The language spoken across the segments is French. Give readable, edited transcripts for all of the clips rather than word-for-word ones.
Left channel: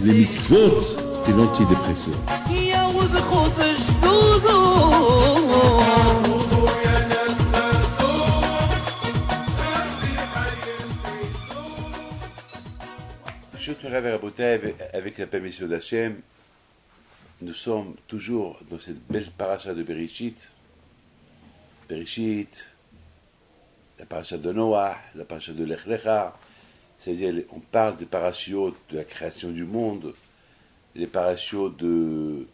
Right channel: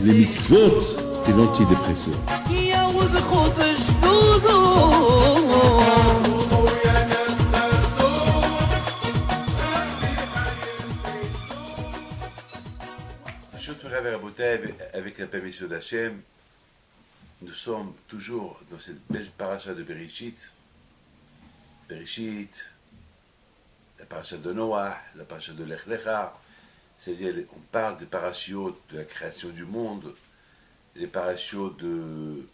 les mitzvot et l'antidépresseur. Avec la permission d'Hachem, nous sommes toujours dans cette belle paracha de Bereshit. Bereshit, la paracha de Noah, la paracha de Lech Lecha, c'est-à-dire on parle des parachiotes de la création du monde, les parachiotes du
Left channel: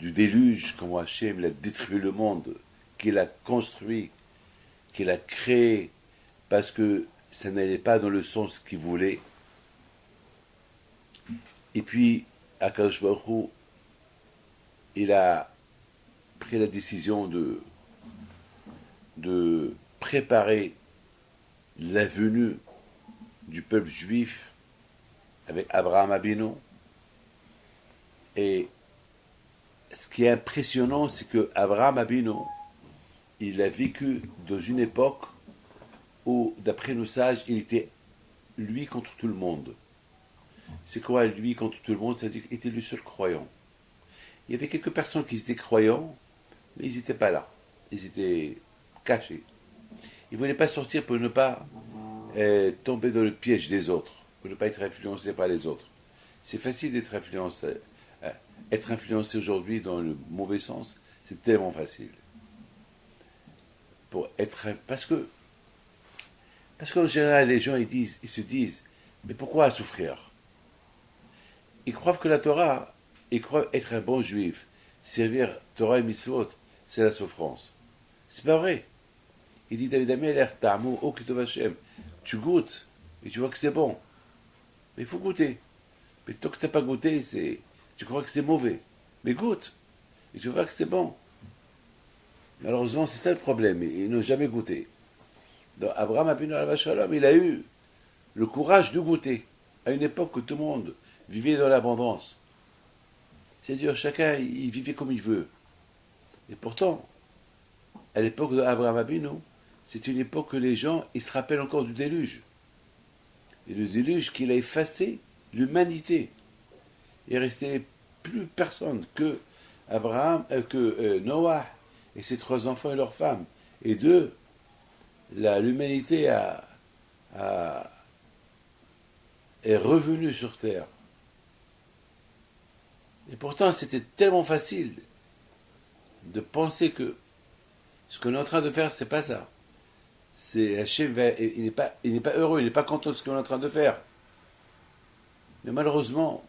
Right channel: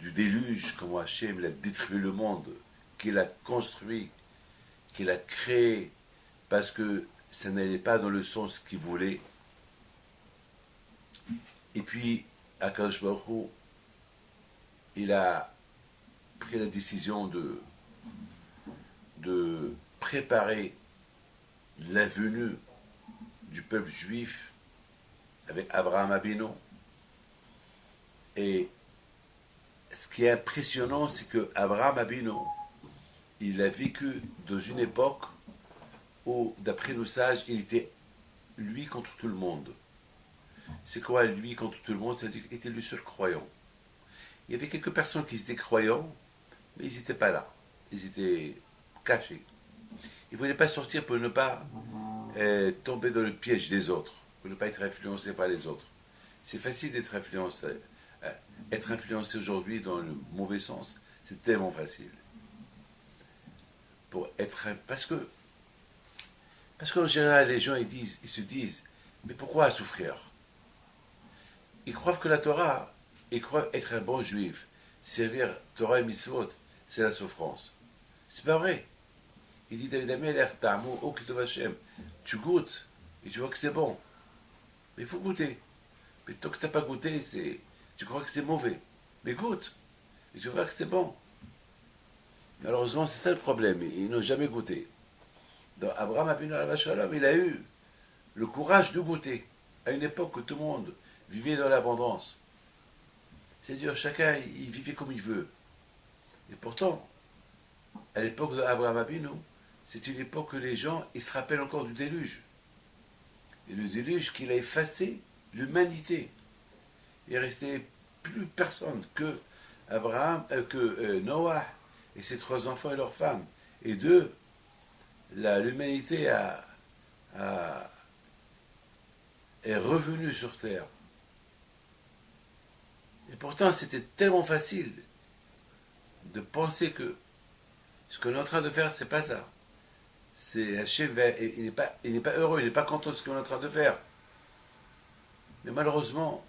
déluge, comment Hachem a détruit le monde, qu'il a construit, qu'il a créé, parce que ça n'allait pas dans le sens qu'il voulait. Et puis, Akadosh Baruch Hu, il a pris la décision de préparer la venue du peuple juif avec Abraham Abinu. Et ce qui est impressionnant, c'est que Abraham Abinu, il a vécu dans une époque où, d'après nos sages, il était lui contre tout le monde. C'est quoi lui contre tout le monde? C'est-à-dire qu'il était le seul croyant. Il y avait quelques personnes qui étaient croyants, mais ils n'étaient pas là. Ils étaient cachés. Ils ne voulaient pas sortir pour ne pas tomber dans le piège des autres, pour ne pas être influencés par les autres. C'est facile d'être influencé. Être influencé aujourd'hui dans le mauvais sens, c'est tellement facile. Parce qu'en général, les gens ils se disent, mais pourquoi souffrir? Ils croient que la Torah, ils croient être un bon juif, servir Torah et Mitzvot, c'est la souffrance. C'est pas vrai. Il dit David Amelech, Ta'amu O Kitov Hashem, tu goûtes et tu vois que c'est bon. Mais il faut goûter. Mais tant que tu n'as pas goûté, tu crois que c'est mauvais. Mais goûte et tu vois que c'est bon. Malheureusement, c'est ça le problème. Ils n'ont jamais goûté. Donc, Abraham Abinu alav shalom, il a eu le courage de goûter à une époque où tout le monde vivait dans l'abondance. C'est-à-dire, chacun, il vivait comme il veut. Et pourtant, à l'époque d'Abraham Abinu, c'est une époque que les gens, ils se rappellent encore du déluge. Et le déluge qu'il a effacé l'humanité. Il ne restait plus personne que Noah et ses 3 enfants et leurs femmes. Et l'humanité est revenue sur terre. Et pourtant, c'était tellement facile de penser que ce qu'on est en train de faire, c'est pas ça. Hachem, il n'est pas heureux, il n'est pas content de ce qu'on est en train de faire. Mais malheureusement,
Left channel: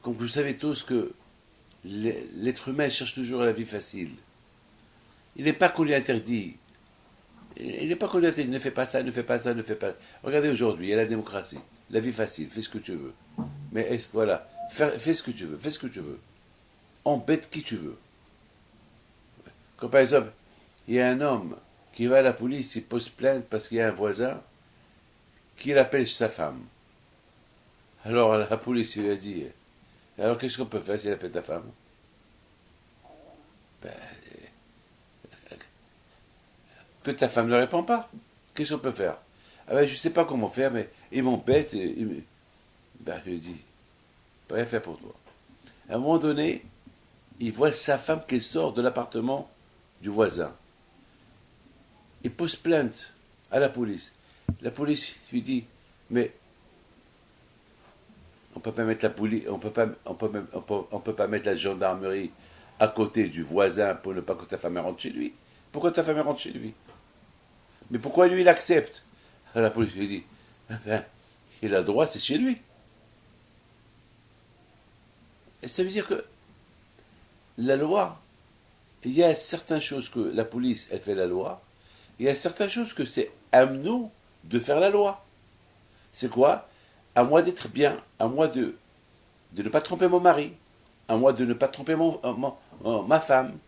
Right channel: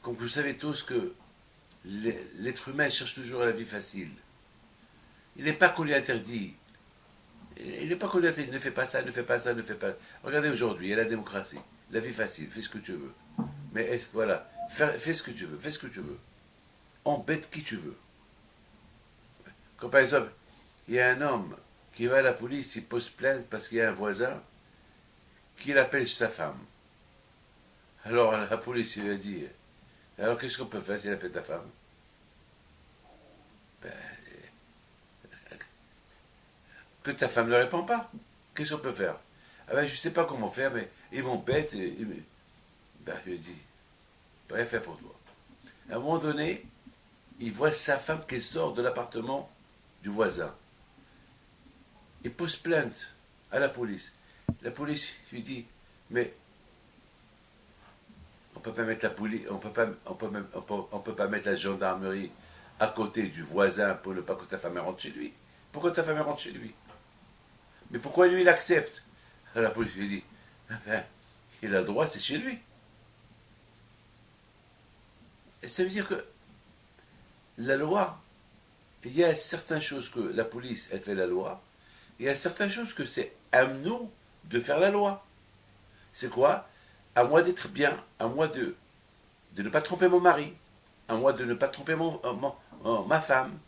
comme vous savez tous que l'être humain cherche toujours la vie facile. Il n'est pas qu'on lui interdit. Il n'est pas qu'on lui interdit, ne fais pas ça, ne fais pas ça, ne fais pas ça. Regardez aujourd'hui, il y a la démocratie, la vie facile, fais ce que tu veux. Mais voilà, fais ce que tu veux, fais ce que tu veux. Embête qui tu veux. Quand par exemple, il y a un homme qui va à la police, il pose plainte parce qu'il y a un voisin qui l'appelle sa femme. Alors la police lui a dit, alors qu'est-ce qu'on peut faire s'il appelle ta femme? Que ta femme ne répond pas. Qu'est-ce qu'on peut faire? Je ne sais pas comment faire, mais il m'embête. Je lui dis, je peux rien faire pour toi. À un moment donné, il voit sa femme qui sort de l'appartement du voisin. Il pose plainte à la police. La police lui dit, mais on peut pas mettre la police, on peut pas mettre la gendarmerie à côté du voisin pour ne pas que ta femme rentre chez lui. Pourquoi ta femme rentre chez lui? Mais pourquoi lui il accepte? La police lui dit, il a le droit, c'est chez lui. Et ça veut dire que la loi, il y a certaines choses que la police, elle fait la loi, il y a certaines choses que c'est à nous de faire la loi. C'est quoi? À moi d'être bien, à moi de ne pas tromper mon mari, à moi de ne pas tromper ma femme,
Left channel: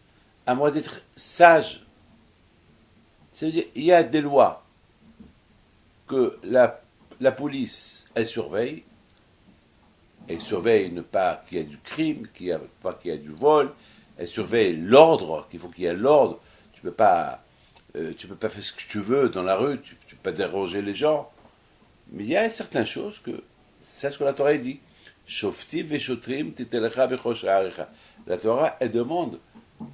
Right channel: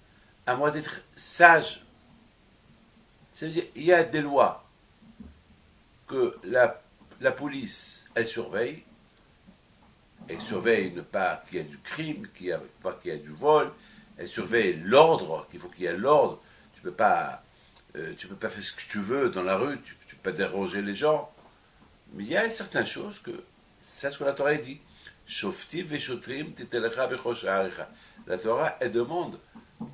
à moi d'être sage. C'est-à-dire, il y a des lois que la police, elle surveille ne pas qu'il y ait du crime, pas qu'il y ait du vol, elle surveille l'ordre, qu'il faut qu'il y ait l'ordre. Tu ne peux pas tu peux pas faire ce que tu veux dans la rue, tu peux pas déranger les gens. Mais il y a certaines choses que, c'est ce que la Torah dit. Shoftim veshotrim titelecha bechosh ha'arecha. La Torah, elle demande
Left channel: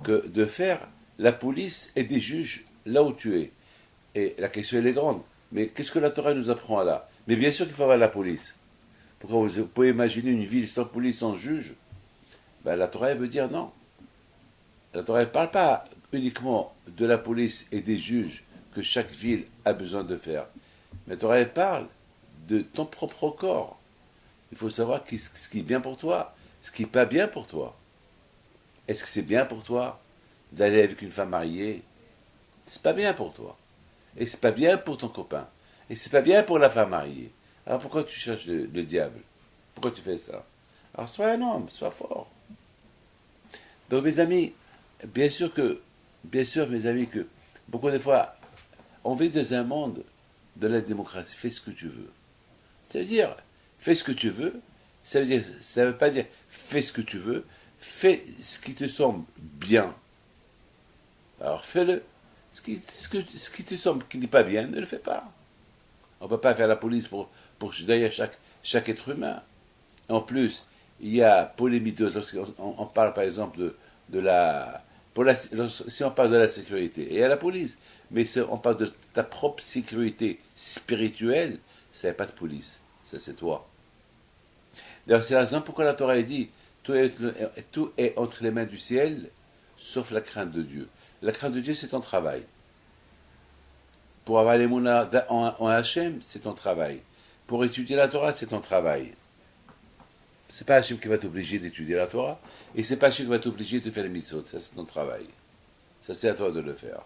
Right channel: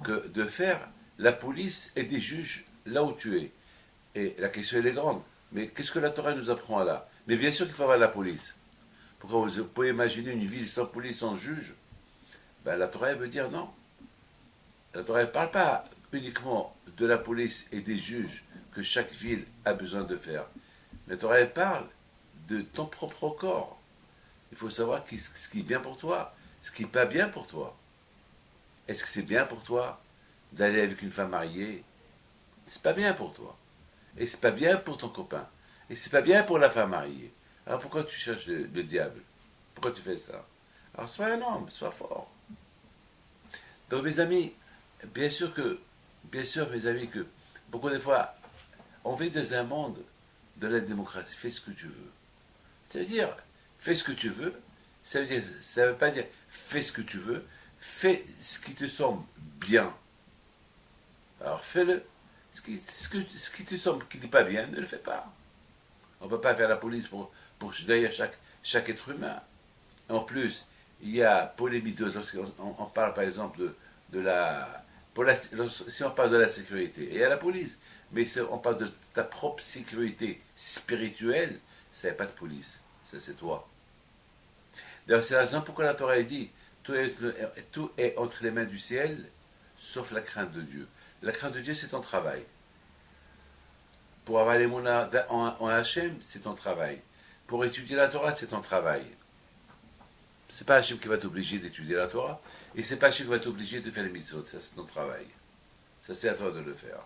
que de faire la police et des juges là où tu es. Et la question, elle est grande. Mais qu'est-ce que la Torah nous apprend là? Mais bien sûr qu'il faut avoir la police. Pourquoi vous pouvez imaginer une ville sans police, sans juge? Ben, la Torah, elle veut dire non. La Torah ne parle pas uniquement de la police et des juges que chaque ville a besoin de faire. Mais la Torah, elle parle de ton propre corps. Il faut savoir ce qui est bien pour toi, ce qui n'est pas bien pour toi. Est-ce que c'est bien pour toi d'aller avec une femme mariée? C'est pas bien pour toi. Et c'est pas bien pour ton copain. Et c'est pas bien pour la femme mariée. Alors pourquoi tu cherches le diable? Pourquoi tu fais ça? Alors sois un homme, sois fort. Donc mes amis, bien sûr mes amis, que beaucoup de fois, on vit dans un monde de la démocratie. Fais ce que tu veux. Ça veut dire, fais ce que tu veux. Ça veut pas dire, fais ce que tu veux. Fais ce qui te semble bien. Alors fais-le. Ce qui te semble qui n'est pas bien, ne le fais pas. On ne peut pas faire la police pour derrière chaque être humain. En plus, il y a polémique lorsqu'on parle par exemple si on parle de la sécurité, et il y a la police, mais si on parle de ta propre sécurité spirituelle, ça n'est pas de police, ça c'est toi. D'ailleurs, c'est la raison pourquoi la Torah dit tout est entre les mains du ciel, sauf la crainte de Dieu. La crainte de Dieu, c'est ton travail. Pour avoir les mounas en Hachem, c'est ton travail. Pour étudier la Torah, c'est ton travail. C'est pas Hachem qui va t'obliger d'étudier la Torah, et c'est pas Hachem qui va t'obliger de faire les mitzvot. Ça, c'est ton travail. Ça, c'est à toi de le faire.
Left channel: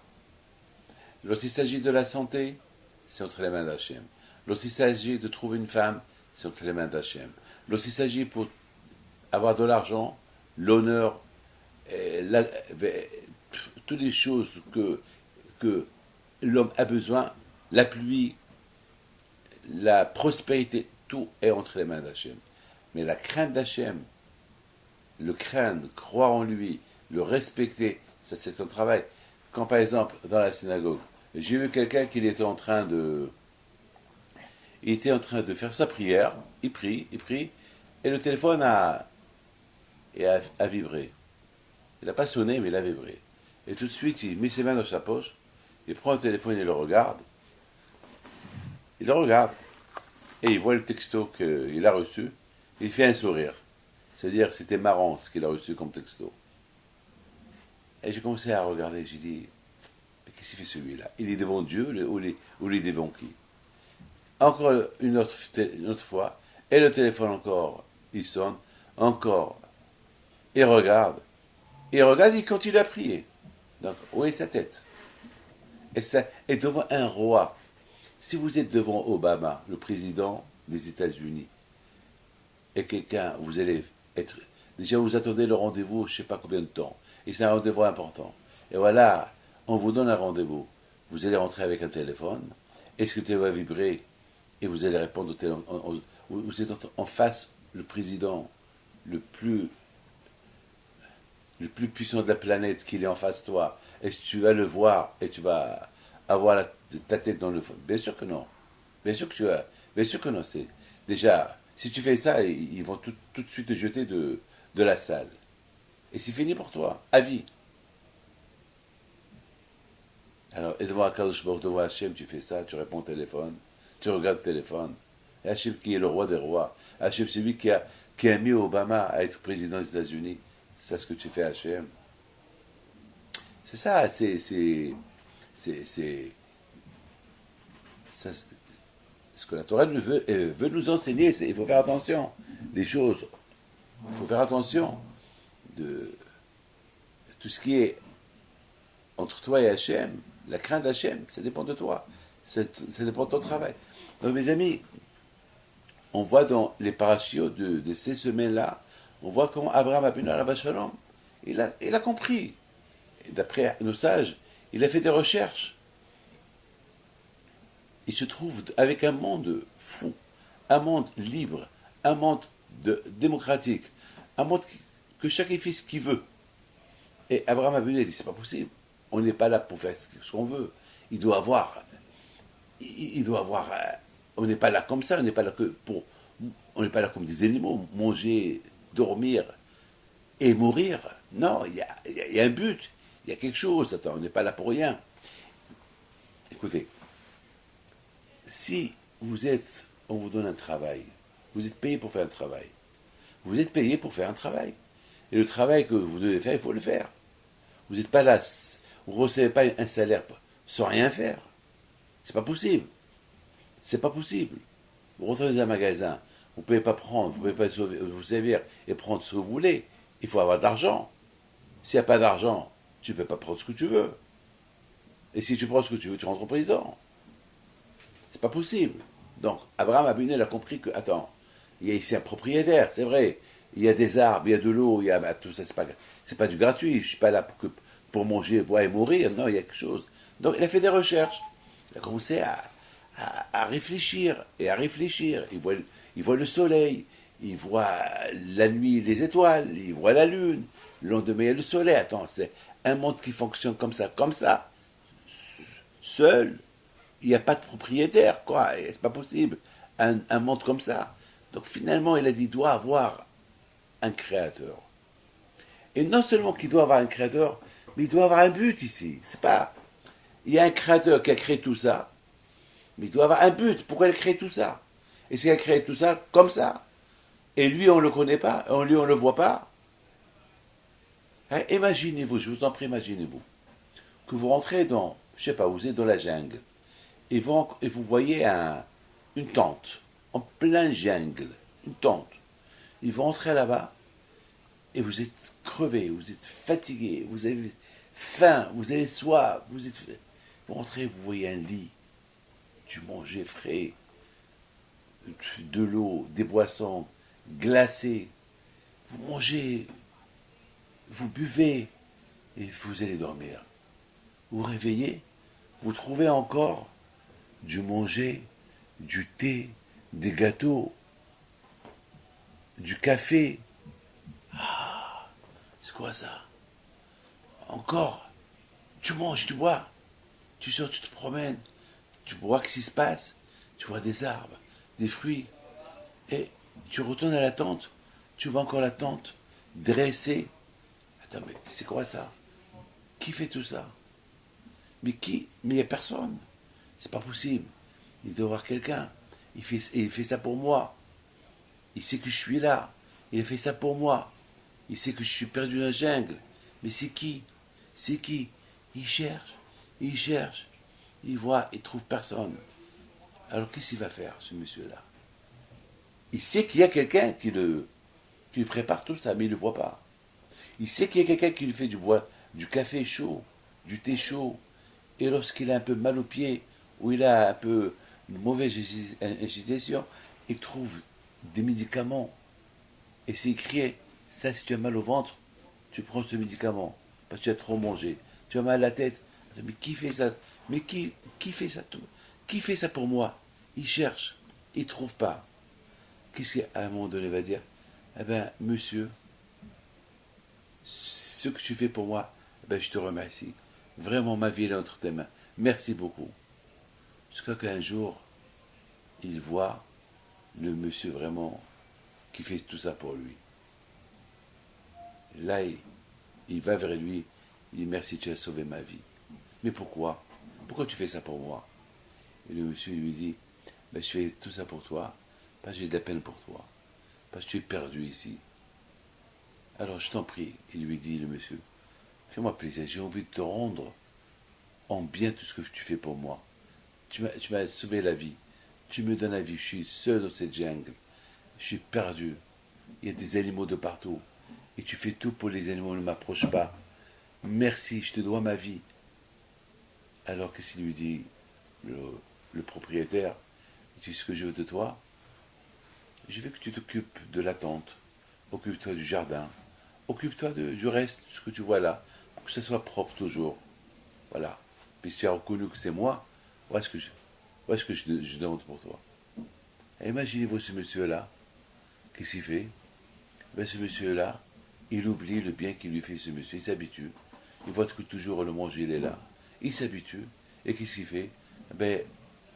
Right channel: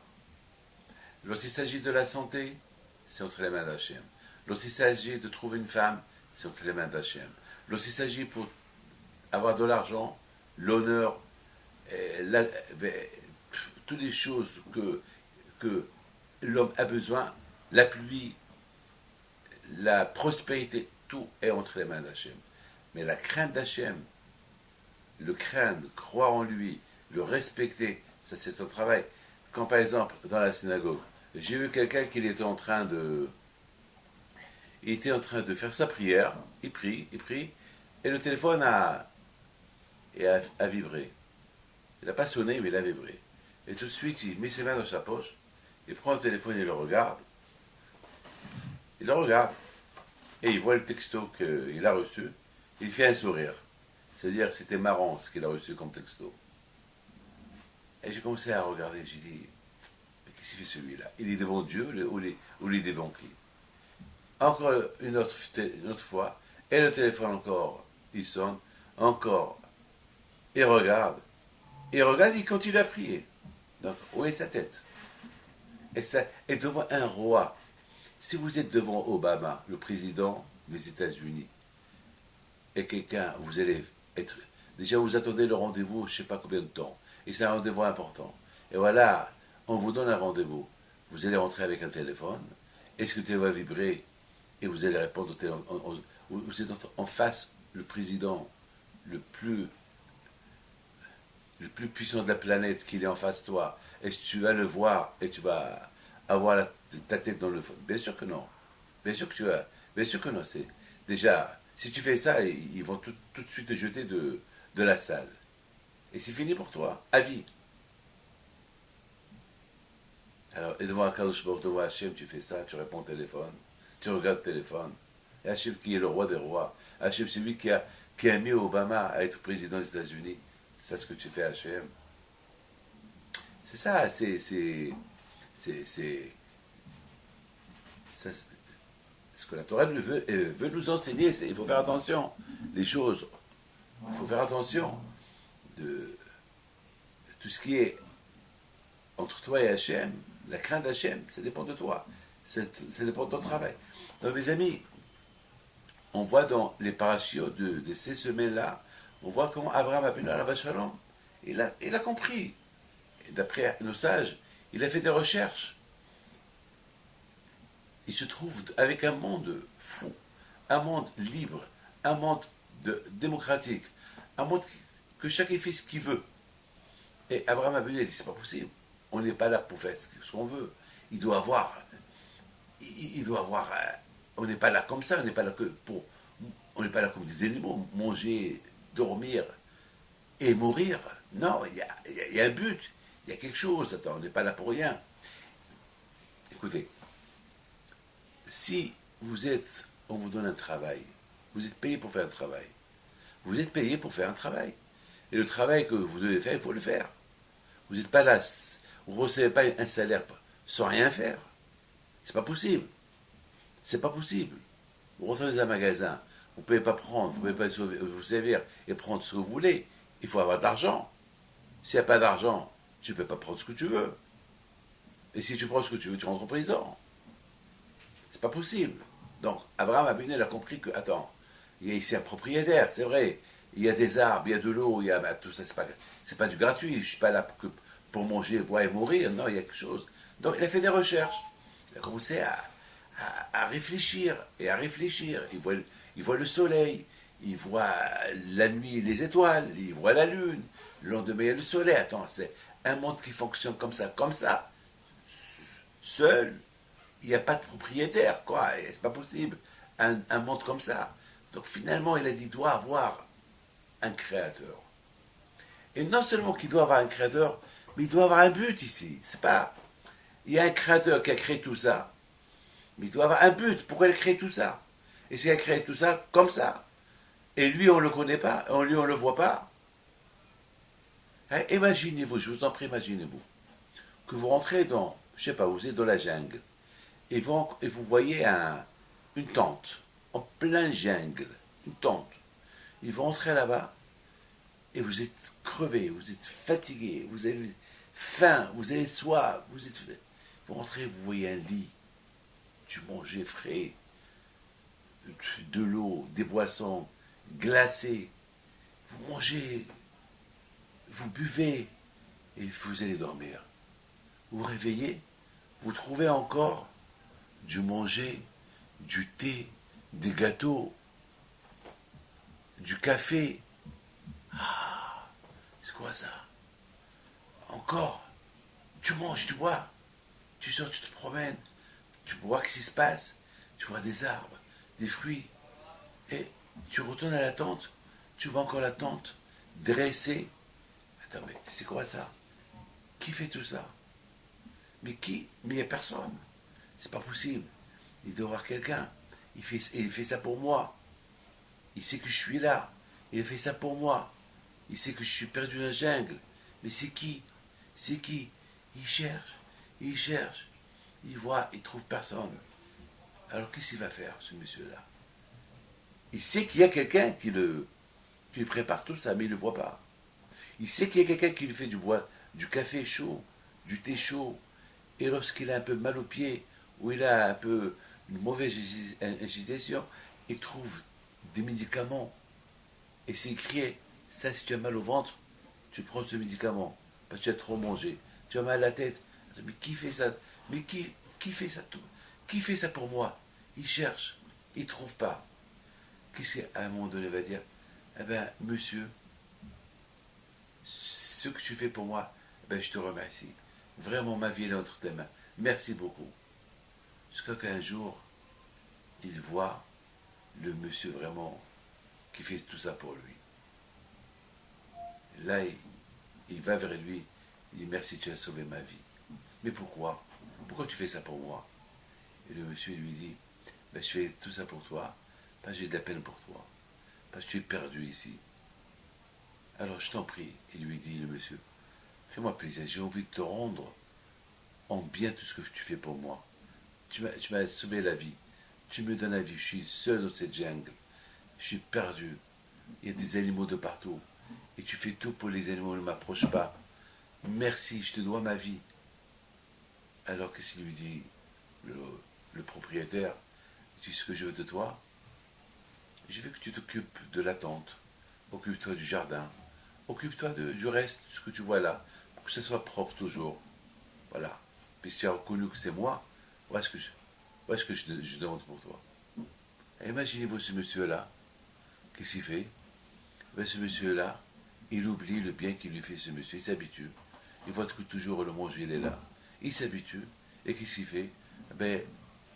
Lorsqu'il s'agit de la santé, c'est entre les mains d'Hachem. Lorsqu'il s'agit de trouver une femme, c'est entre les mains d'Hachem. Lorsqu'il s'agit pour avoir de l'argent, l'honneur, toutes les choses que l'homme a besoin, la pluie, la prospérité, tout est entre les mains d'Hachem. Mais la crainte d'Hachem, le craindre, croire en lui, le respecter, ça c'est son travail. Quand par exemple, dans la synagogue, j'ai vu quelqu'un qui était en train de faire sa prière, il prie, et le téléphone a vibré. Il n'a pas sonné, mais il a vibré. Et tout de suite, il met ses mains dans sa poche, il prend le téléphone et il le regarde. Et il voit le texto qu'il a reçu, il fait un sourire. C'est-à-dire que c'était marrant ce qu'il a reçu comme texto. Et j'ai commencé à regarder, j'ai dit, mais qu'est-ce qu'il fait celui-là? Il est devant Dieu ou il est devant qui? Encore une autre fois, et le téléphone encore, il sonne, encore. Il regarde, il continue à prier. Donc, où est sa tête? Et ça est devant un roi. Si vous êtes devant Obama, le président des États-Unis, et quelqu'un, vous allez être... Déjà, vous attendez le rendez-vous, je ne sais pas combien de temps. Et c'est un rendez-vous important. Et voilà, on vous donne un rendez-vous. Vous allez rentrer avec un téléphone. Est-ce que le téléphone va vibrer? Et vous allez répondre au téléphone. Vous êtes en face, le président le plus puissant de la planète, qu'il est en face de toi. Est-ce que tu vas le voir et tu vas avoir ta tête dans le fond? Bien sûr que non. Bien sûr que non. C'est déjà, si tu fais ça, ils vont tout de suite te jeter de la salle. Et c'est fini pour toi, à vie. Alors, et devant Akadosh Baruch Hu, devant Hachem, tu fais ça, tu réponds au téléphone, tu regardes le téléphone. Et Hachem qui est le roi des rois. Hachem, c'est lui qui a mis Obama à être président des États-Unis. C'est ce que tu fais, Hachem. C'est ça, c'est ce que la Torah veut nous enseigner. Il faut faire attention. Les choses, il faut faire attention de tout ce qui est entre toi et Hachem. La crainte d'Hachem, ça dépend de toi. Ça dépend de ton travail. Donc, mes amis, on voit dans les parashiot de ces semaines-là, on voit comment Abraham Avinu alav shalom, il a compris. Et d'après nos sages, il a fait des recherches. Il se trouve avec un monde fou, un monde libre, un monde démocratique, un monde que chacun fait ce qu'il veut. Et Abraham Avinu a dit, c'est pas possible. On n'est pas là pour faire ce qu'on veut. Il doit avoir, on n'est pas là comme ça, on n'est pas là on n'est pas là comme des animaux, manger, dormir et mourir. Non, il y a un but, il y a quelque chose. Attends, on n'est pas là pour rien. Écoutez, si on vous donne un travail, vous êtes payé pour faire un travail. Vous êtes payé pour faire un travail. Et le travail que vous devez faire, il faut le faire. Vous n'êtes pas là, vous ne recevez pas un salaire sans rien faire. C'est pas possible. C'est pas possible. Vous rentrez dans un magasin, vous ne pouvez pas prendre, vous ne pouvez pas vous servir et prendre ce que vous voulez. Il faut avoir de l'argent. S'il n'y a pas d'argent, tu ne peux pas prendre ce que tu veux. Et si tu prends ce que tu veux, tu rentres en prison. C'est pas possible. Donc, Abraham Abinel a compris que, attends, il y a ici un propriétaire, c'est vrai. Il y a des arbres, il y a de l'eau, il y a tout ça, c'est pas du gratuit. Je suis pas là pour manger, boire et mourir. Non, il y a quelque chose. Donc, il a fait des recherches. Il a commencé à réfléchir et à réfléchir. Il voit le soleil, il voit la nuit, les étoiles, il voit la lune. Le lendemain, il y a le soleil. Attends, c'est un monde qui fonctionne comme ça, seul. Il n'y a pas de propriétaire, quoi. C'est pas possible. Un monde comme ça. Donc finalement, il a dit, il doit avoir un créateur. Et non seulement qu'il doit avoir un créateur, mais il doit avoir un but ici. C'est pas. Il y a un créateur qui a créé tout ça, mais il doit avoir un but. Pourquoi il a créé tout ça? Et s'il a créé tout ça comme ça, et lui, on ne le connaît pas, lui, on ne le voit pas. Hein, imaginez-vous, je vous en prie, imaginez-vous, que vous rentrez dans, je sais pas, vous êtes dans la jungle, et vous voyez une tente, en plein jungle, une tente. Ils vont entrer là-bas, et vous êtes crevé, vous êtes fatigué, vous avez faim, vous avez soif, vous rentrez, vous voyez un lit, du manger frais, de l'eau, des boissons glacées, vous mangez, vous buvez, et vous allez dormir. Vous vous réveillez, vous trouvez encore du manger, du thé, des gâteaux, du café. Ah, c'est quoi ça? Encore, tu manges, tu bois, tu sors, tu te promènes, tu vois ce qui se passe, tu vois des arbres, des fruits, et tu retournes à la tente, tu vois encore la tente dressée. Attends, mais c'est quoi ça? Qui fait tout ça? Mais qui? Mais il n'y a personne. C'est pas possible. Il doit y avoir quelqu'un. Il fait ça pour moi. Il sait que je suis là. Il a fait ça pour moi. Il sait que je suis perdu dans la jungle. Mais c'est qui? C'est qui? Il cherche. Il cherche. Il voit. Il trouve personne. Alors qu'est-ce qu'il va faire, ce monsieur-là? Il sait qu'il y a quelqu'un qui lui prépare tout ça, mais il ne le voit pas. Il sait qu'il y a quelqu'un qui lui fait du café chaud, du thé chaud. Et lorsqu'il a un peu mal aux pieds, ou il a un peu une mauvaise agitation, il trouve des médicaments. Et c'est écrit, ça, si tu as mal au ventre, tu prends ce médicament, parce que tu as trop mangé. Tu as mal à la tête. Mais qui fait ça? Mais qui fait ça tout? Qui fait ça pour moi? Il cherche, il ne trouve pas. Qu'est-ce qu'à un moment donné il va dire? Eh bien, monsieur, ce que tu fais pour moi, eh bien, je te remercie. Vraiment, ma vie est entre tes mains. Merci beaucoup. Jusqu'à qu'un jour, il voit le monsieur vraiment qui fait tout ça pour lui. Et là, il va vers lui, il dit merci, tu as sauvé ma vie. Mais pourquoi? Pourquoi tu fais ça pour moi? Et le monsieur lui dit, ben, je fais tout ça pour toi, parce que j'ai de la peine pour toi, parce que tu es perdu ici. Alors je t'en prie, il lui dit le monsieur, fais-moi plaisir, j'ai envie de te rendre en bien tout ce que tu fais pour moi. Tu m'as sauvé la vie, tu me donnes la vie, je suis seul dans cette jungle, je suis perdu, il y a des animaux de partout, et tu fais tout pour les animaux ne m'approchent pas. Merci, je te dois ma vie. Alors qu'est-ce qu'il lui dit, le propriétaire? Tu sais ce que je veux de toi? Je veux que tu t'occupes de la tente, occupe-toi du jardin, occupe-toi du reste, ce que tu vois là, pour que ce soit propre toujours. Voilà. Puis si tu as reconnu que c'est moi, voilà ce que je demande pour toi. Et imaginez-vous ce monsieur-là, qu'est-ce qu'il fait? Ben, ce monsieur-là, il oublie le bien qu'il lui fait ce monsieur, il s'habitue. il voit que toujours le manger, il est là. Il s'habitue, et qu'est-ce qu'il fait? Ben,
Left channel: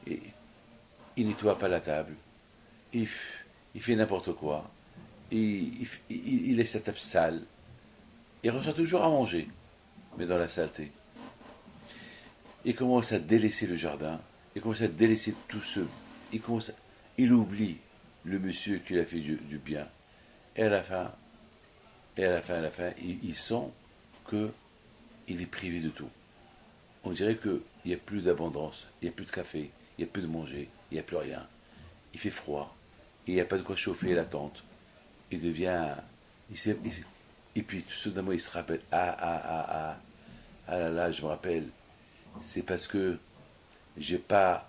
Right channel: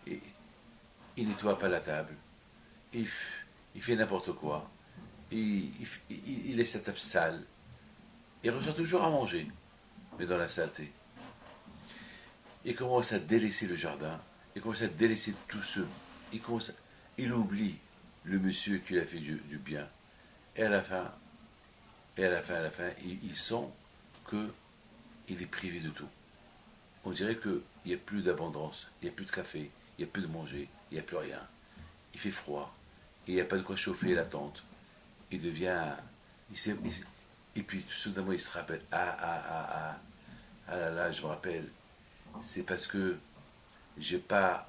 il nettoie pas la table, il fait n'importe quoi, il laisse la table sale, il reçoit toujours à manger, mais dans la saleté. Il commence à délaisser le jardin, il commence à délaisser tout ce... Il oublie le monsieur qui lui a fait du bien. Et à la fin, il sent qu'il est privé de tout. On dirait qu'il n'y a plus d'abondance, il n'y a plus de café, il n'y a plus de manger, il n'y a plus rien. Il fait froid, il n'y a pas de quoi chauffer la tente. Il devient... et puis tout soudainement il se rappelle, ah là là, je me rappelle, c'est parce que j'ai pas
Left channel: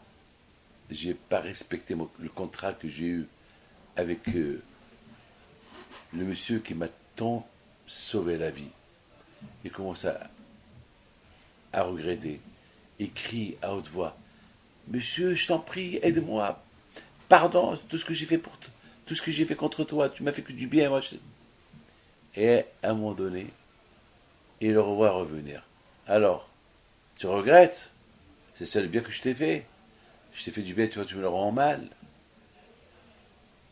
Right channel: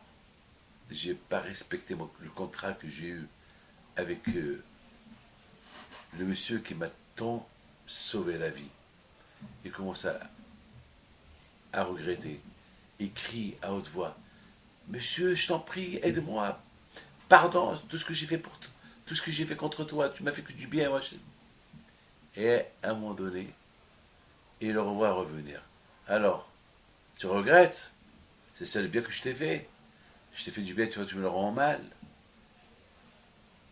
respecté le contrat que j'ai eu avec le monsieur qui m'a tant sauvé la vie. Il commence à regretter. Il crie à haute voix, monsieur, je t'en prie, aide-moi, pardon, tout ce que j'ai fait tout ce que j'ai fait contre toi, tu m'as fait que du bien, moi. Et à un moment donné, il le revoit revenir. Alors, tu regrettes? C'est ça le bien que je t'ai fait. Je t'ai fait du bien, tu vois, tu me le rends mal.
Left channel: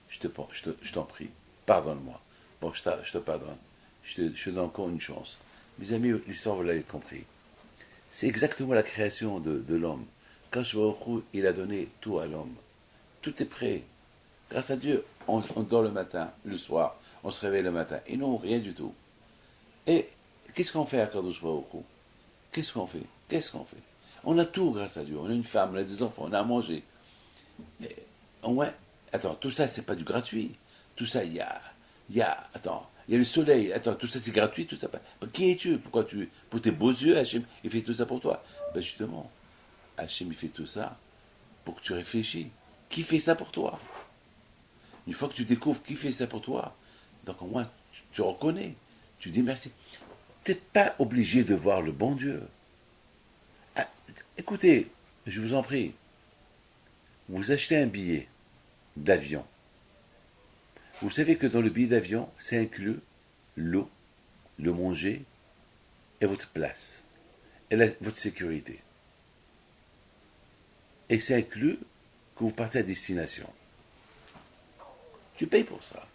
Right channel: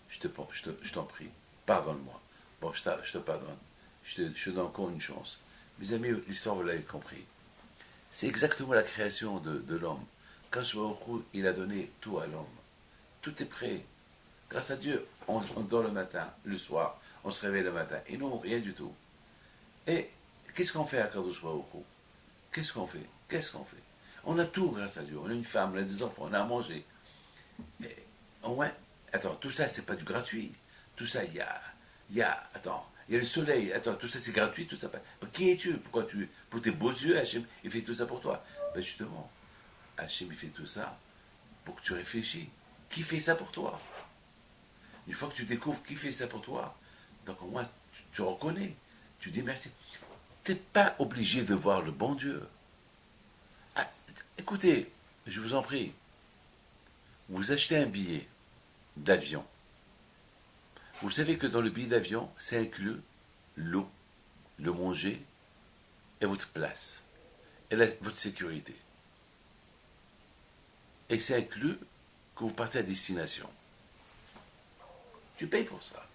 Je t'en prie, pardonne-moi. Bon, je te pardonne. Je te donne encore une chance. Mes amis, l'histoire, vous l'avez compris. C'est exactement la création de l'homme. Quand il a donné tout à l'homme. Tout est prêt. Grâce à Dieu, on dort le matin, le soir, on se réveille le matin. Et non, rien du tout. Et qu'est-ce qu'on fait à Kadosh Baruch Hu? Qu'est-ce qu'on fait? On a tout grâce à Dieu. On a une femme, on a des enfants, on a à manger. Et, ouais, attends, tout ça, c'est pas du gratuit. Tout ça, il y a le soleil. Attends, tout ça, c'est gratuit, tout ça. Qui es-tu? Pour tes beaux yeux, Hachem, il fait tout ça pour toi. Ben justement, Hachem, il fait tout ça pour que tu réfléchis. Qui fait ça pour toi? Une fois que tu découvres qui fait ça pour toi, donc au moins, tu reconnais. Tu dis merci. Tu n'es pas obligé de voir le bon Dieu. Ah, écoutez, je vous en prie, vous achetez un billet d'avion. Vous savez que dans le billet d'avion, c'est inclus l'eau, le manger et votre place, et votre sécurité. Et c'est inclus que vous partez à destination. Tu payes pour ça.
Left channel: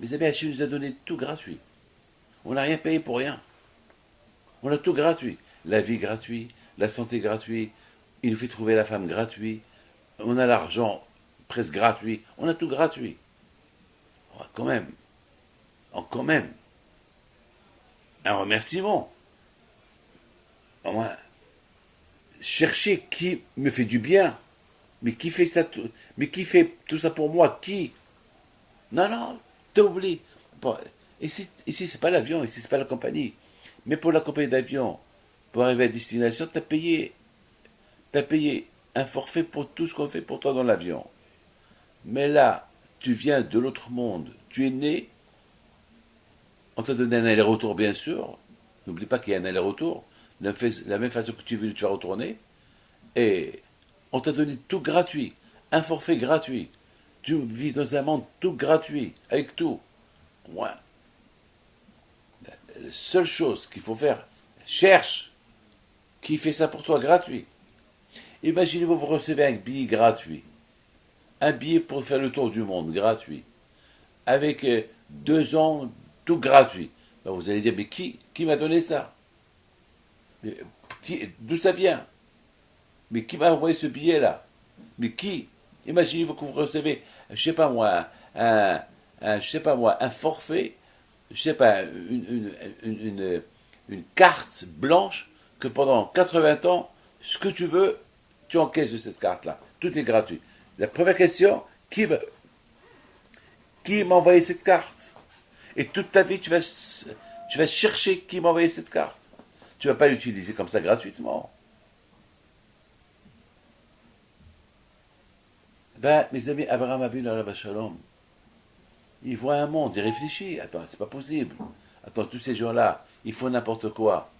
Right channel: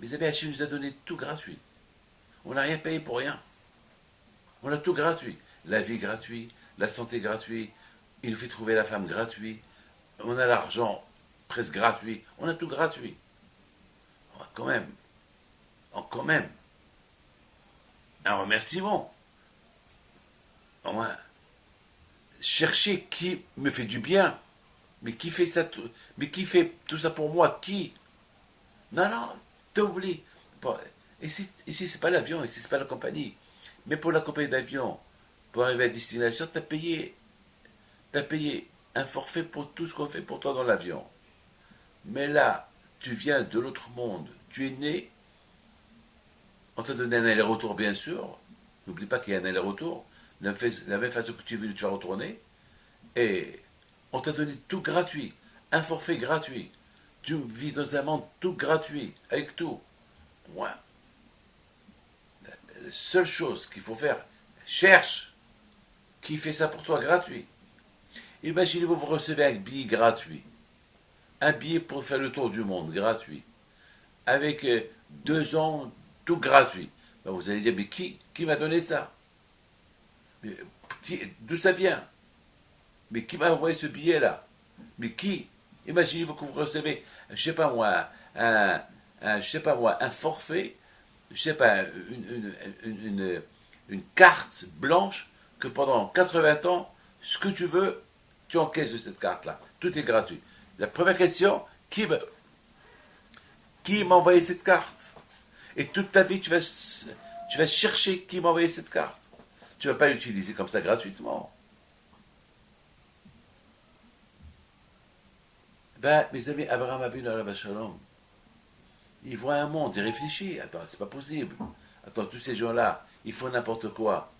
Mes amis, Hachem nous a donné tout gratuit. On n'a rien payé pour rien. On a tout gratuit. La vie gratuite, la santé gratuite, il nous fait trouver la femme gratuite, on a l'argent presque gratuit, on a tout gratuit. Oh, quand même, un remerciement. Au moins, chercher qui me fait du bien, mais qui fait fait tout ça pour moi, qui? Non, t'as oublié. Bon, ici, c'est pas l'avion, ici, c'est pas la compagnie. Mais pour la compagnie d'avion, pour arriver à destination, t'as payé un forfait pour tout ce qu'on fait pour toi dans l'avion. Mais là, tu viens de l'autre monde, tu es né, on t'a donné un aller-retour, bien sûr. N'oublie pas qu'il y a un aller-retour. De la même façon que tu vas retourner. Et on t'a donné tout gratuit, un forfait gratuit. Tu vis dans un monde tout gratuit, avec tout. Moi, la seule chose qu'il faut faire, cherche qui fait ça pour toi gratuit. Imaginez-vous, vous recevez un billet gratuit. Un billet pour faire le tour du monde gratuit. Avec 2 ans, tout gratuit. Ben vous allez dire, mais qui m'a donné ça? D'où ça vient? Mais qui m'a envoyé ce billet-là? Mais qui? Imaginez-vous que vous recevez, je sais pas moi, un forfait, je sais pas, une carte blanche que pendant 80 ans, ce que tu veux, tu encaisses de cette carte-là. Tout est gratuit. La première question, qui m'a envoyé cette carte? Et toute ta vie, tu vas chercher qui m'a envoyé cette carte. Tu ne vas pas l'utiliser comme ça gratuitement. Ben, mes amis, Abraham Avinu alav shalom, il voit un monde, il réfléchit. Attends, c'est pas possible. Attends, tous ces gens-là, ils font n'importe quoi.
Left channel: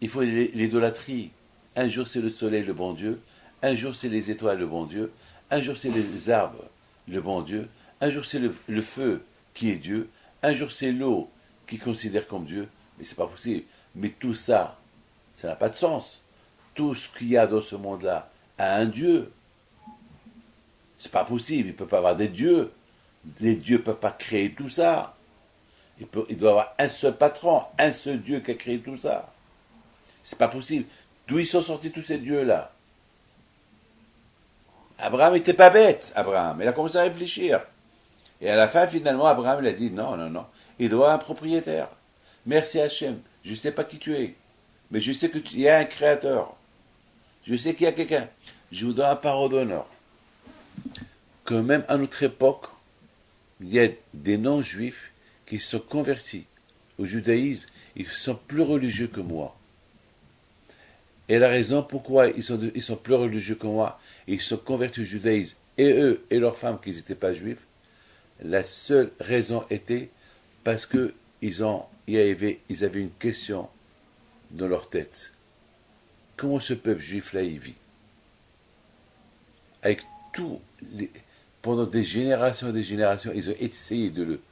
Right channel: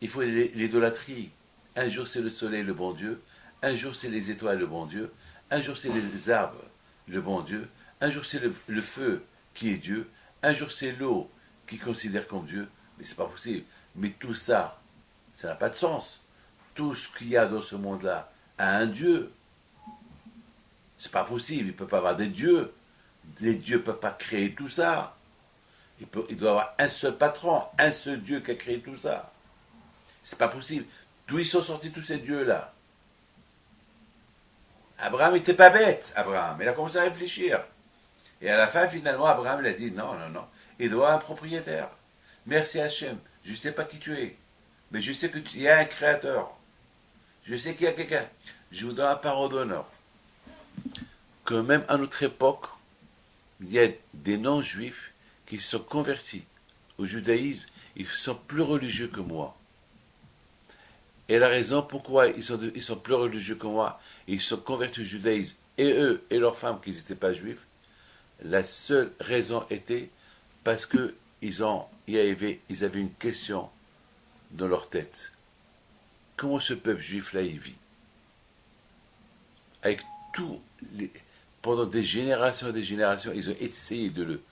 Il faut l'idolâtrie. Un jour c'est le soleil, le bon Dieu. Un jour c'est les étoiles, le bon Dieu. Un jour c'est les arbres, le bon Dieu. Un jour c'est le feu qui est Dieu. Un jour c'est l'eau qui considère comme Dieu. Mais c'est pas possible. Mais tout ça, ça n'a pas de sens. Tout ce qu'il y a dans ce monde-là a un Dieu. C'est pas possible. Il ne peut pas avoir des dieux. Les dieux ne peuvent pas créer tout ça. Il doit y avoir un seul patron, un seul Dieu qui a créé tout ça. C'est pas possible. D'où ils sont sortis tous ces dieux-là? Abraham n'était pas bête, Abraham. Il a commencé à réfléchir. Et à la fin, finalement, Abraham il a dit non, non, non. Il doit un propriétaire. Merci Hachem. Je ne sais pas qui tu es. Mais je sais qu'il y a un créateur. Je sais qu'il y a quelqu'un. Je vous donne un parole d'honneur. Que même à notre époque, il y a des non-juifs qui se sont convertis au judaïsme. Ils sont plus religieux que moi. Et la raison pourquoi ils sont plus religieux que moi, et ils sont convertis au judaïsme, et eux et leurs femmes qui n'étaient pas juifs, la seule raison était parce que ils avaient une question dans leur tête. Comment ce peuple juif-là y vit? Avec pendant des générations et des générations, ils ont essayé de le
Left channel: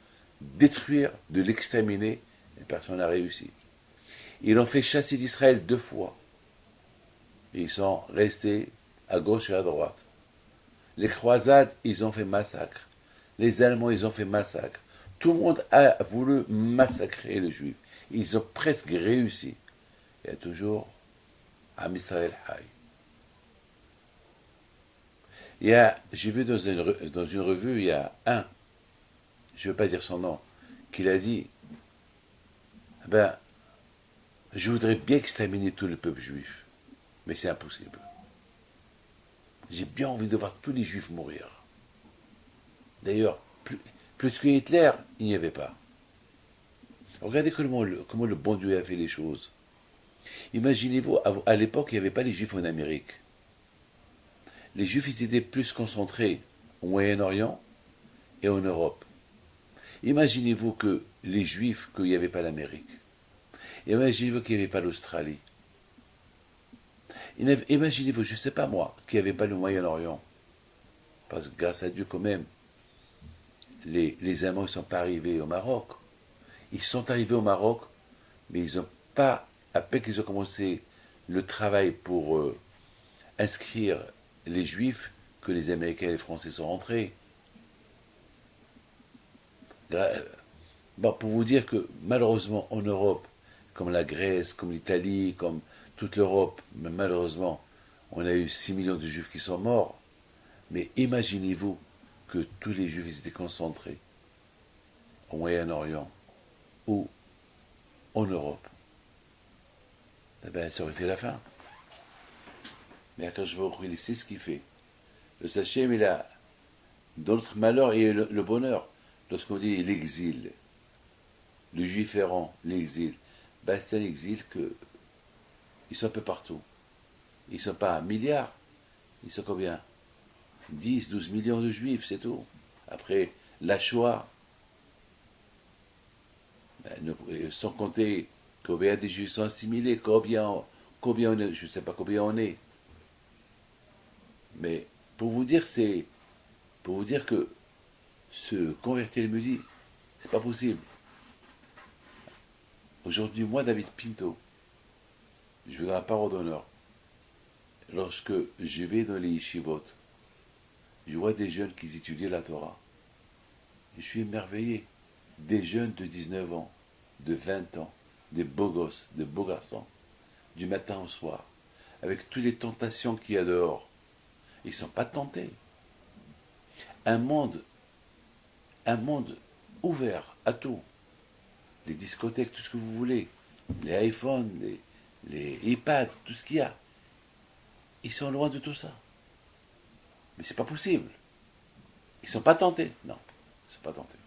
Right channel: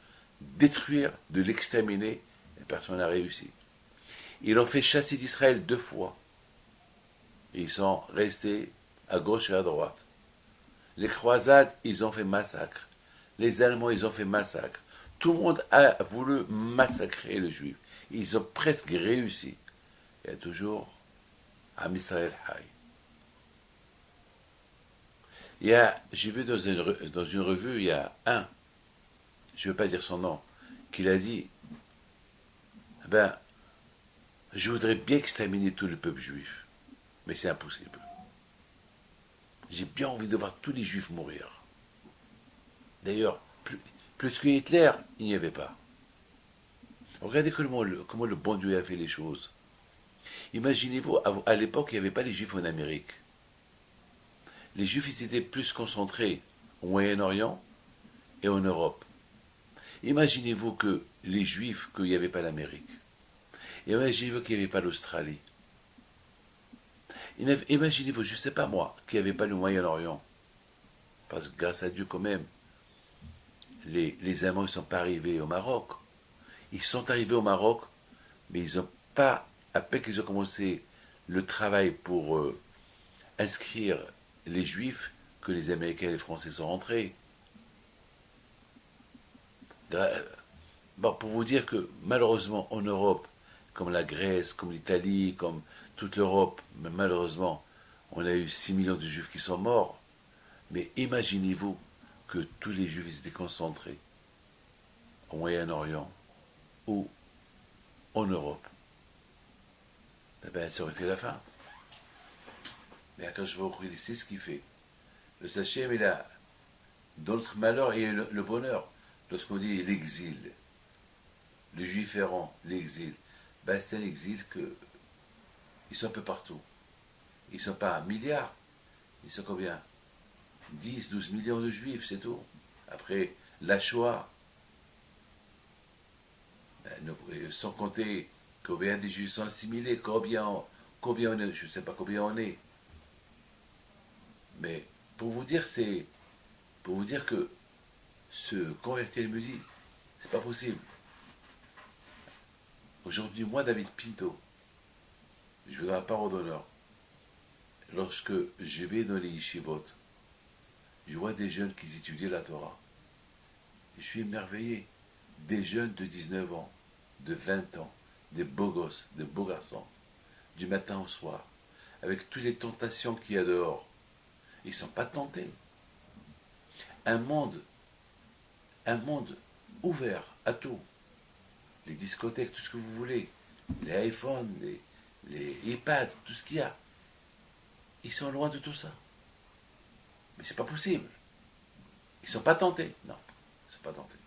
détruire, de l'exterminer, et personne n'a réussi. Ils l'ont fait chasser d'Israël 2 fois. Et ils sont restés à gauche et à droite. Les croisades, ils ont fait massacre. Les Allemands, ils ont fait massacre. Tout le monde a voulu massacrer les Juifs. Ils ont presque réussi. Il y a toujours Am Israël Hay. J'ai vu dans une revue, il y a je ne veux pas dire son nom, qu'il a dit, je voudrais bien exterminer tout le peuple juif, mais c'est impossible. J'ai bien envie de voir tous les juifs mourir. D'ailleurs, plus que Hitler, il n'y avait pas. Regardez comment le bon Dieu a fait les choses. Imaginez-vous, à l'époque, il n'y avait pas les juifs en Amérique. Les juifs, ils étaient plus concentrés au Moyen-Orient et en Europe. Imaginez-vous que les juifs, qu'il n'y avait pas l'Amérique. Imaginez-vous qu'il n'y avait pas l'Australie. Imaginez-vous, je ne sais pas moi, qu'il n'y avait pas le Moyen-Orient. Parce que grâce à Dieu, quand même, les Allemands ne sont pas arrivés au Maroc. Ils sont arrivés au Maroc, mais ils n'ont pas, à peine qu'ils ont commencé le travail pour inscrire les Juifs, que les Américains et les Français sont rentrés. Pour vous dire que malheureusement en Europe, comme la Grèce, comme l'Italie, comme toute l'Europe, malheureusement, on a eu 6 millions de Juifs qui sont morts. Mais imaginez-vous que tous les Juifs étaient concentrés au Moyen-Orient ou en Europe. Ça aurait été la fin. Mais quand je vois il sait ce qu'il fait. Le Sachem, il a, dans notre malheur, il y a le bonheur. Lorsqu'on dit l'exil, le juif errant, l'exil, c'est un exil que ils sont un peu partout. Ils ne sont pas un milliard, ils sont combien? 10, 12 millions de juifs, c'est tout. Après, la Shoah, sans compter combien des juifs sont assimilés, combien on est, je ne sais pas combien on est. Mais pour vous dire que se convertir les musiques, c'est pas possible. Aujourd'hui, moi, David Pinto, je vous donne la parole d'honneur. Lorsque je vais dans les yeshivot, je vois des jeunes qui étudient la Torah. Je suis émerveillé. Des jeunes de 19 ans, de 20 ans, des beaux gosses, des beaux garçons, du matin au soir, avec toutes les tentations qu'il y a dehors. Ils ne sont pas tentés. Un monde ouvert à tout. Les discothèques, tout ce que vous voulez, les iPhones, les iPads, tout ce qu'il y a. Ils sont loin de tout ça. Mais c'est pas possible. Ils ne sont pas tentés. Non, ils ne sont pas tentés.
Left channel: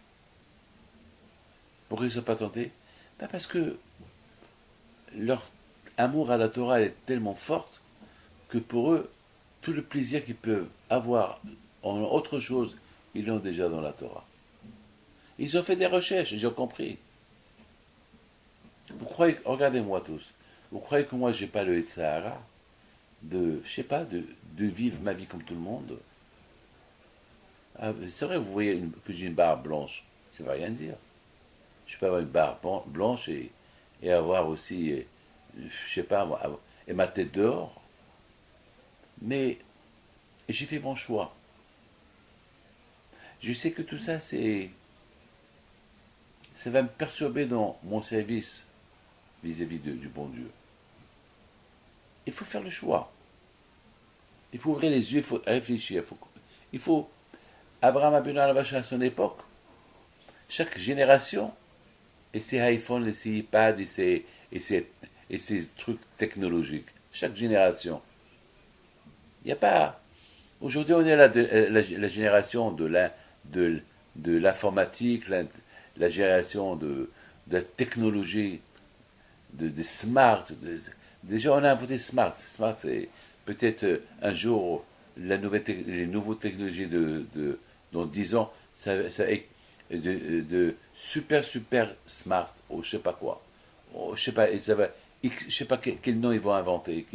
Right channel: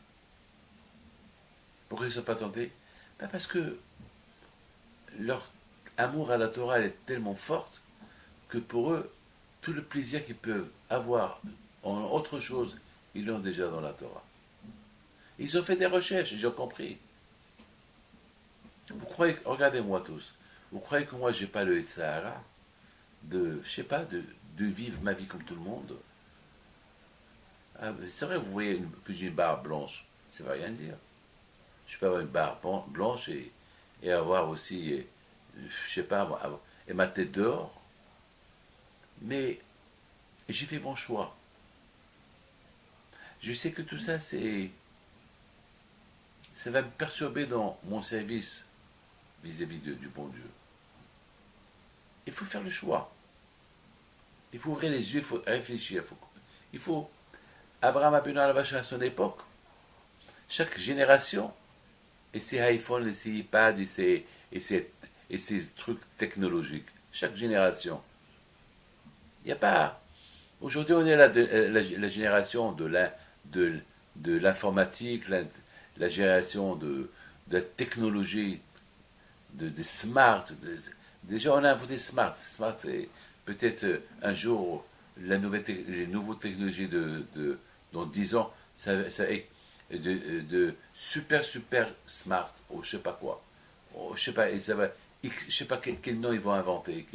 Pourquoi ils ne sont pas tentés? Parce que leur amour à la Torah est tellement forte que pour eux, tout le plaisir qu'ils peuvent avoir en autre chose, ils l'ont déjà dans la Torah. Ils ont fait des recherches, ils ont compris. Vous croyez, regardez-moi tous, vous croyez que moi j'ai pas le Sahara de vivre ma vie comme tout le monde? C'est vrai, vous voyez que j'ai une barbe blanche, ça ne veut rien dire. Je peux avoir une barbe blanche et et avoir aussi, je sais pas, et ma tête dehors. Mais j'ai fait mon choix. Je sais que tout ça, ça va me perturber dans mon service vis-à-vis du bon Dieu. Il faut faire le choix. Il faut ouvrir les yeux, il faut réfléchir. Abraham Abinu Alavash à son époque, chaque génération, et ses iPhones, et ses iPads, et ses trucs technologiques. Chaque génération. Il n'y a pas. Aujourd'hui, on est la génération de l'informatique, la génération de la technologie, des smart. Déjà, on a inventé smart. Smart, c'est peut-être un jour les nouvelles technologies dans 10 ans, de super smart, ou je sais pas quoi. Je sais pas, je sais pas quel nom ils vont inventer.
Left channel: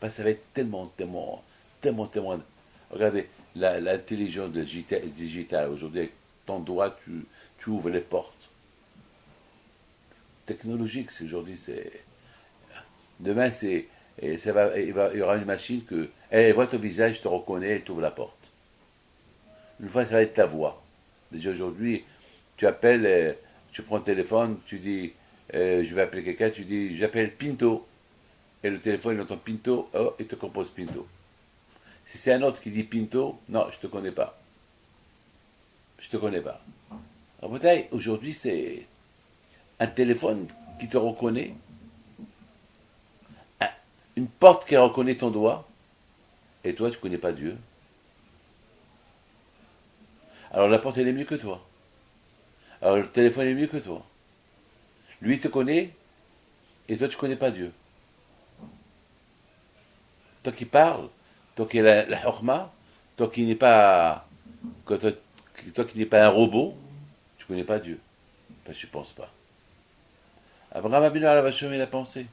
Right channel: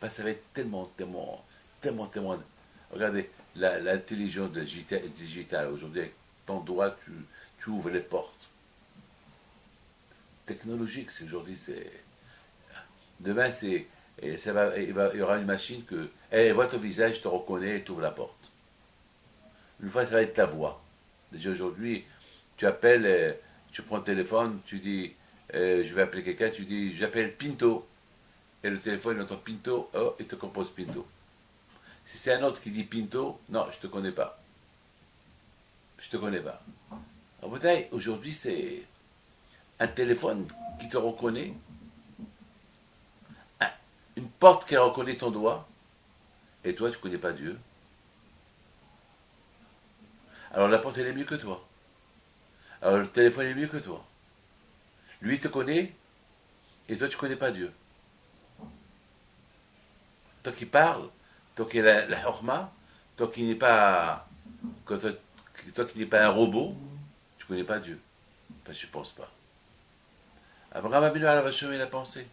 Parce que ça va être tellement. Regardez, l'intelligence digitale, aujourd'hui, avec ton doigt, tu ouvres les portes. Technologique, aujourd'hui, demain, il y aura une machine elle voit ton visage, te reconnaît, elle t'ouvre la porte. Une fois, ça va être ta voix. Déjà aujourd'hui, tu appelles, tu prends le téléphone, tu dis, je vais appeler quelqu'un, tu dis, j'appelle Pinto. Et le téléphone, il entend Pinto, oh, il te compose Pinto. Si c'est un autre qui dit Pinto, non, je te connais pas. Je te connais pas. En bataille, aujourd'hui, c'est un téléphone qui te reconnaît, une porte qui reconnaît ton doigt, et toi, tu ne connais pas Dieu. Alors la porte, elle est mieux que toi. Alors le téléphone est mieux que toi. Lui, il te connaît, et toi, tu ne connais pas Dieu. Toi qui parles, toi qui es la horma, toi qui n'es pas, toi qui n'es pas un robot, tu ne connais pas Dieu. Parce que tu ne penses pas. Abraham Abinu Alavashom, il a pensé.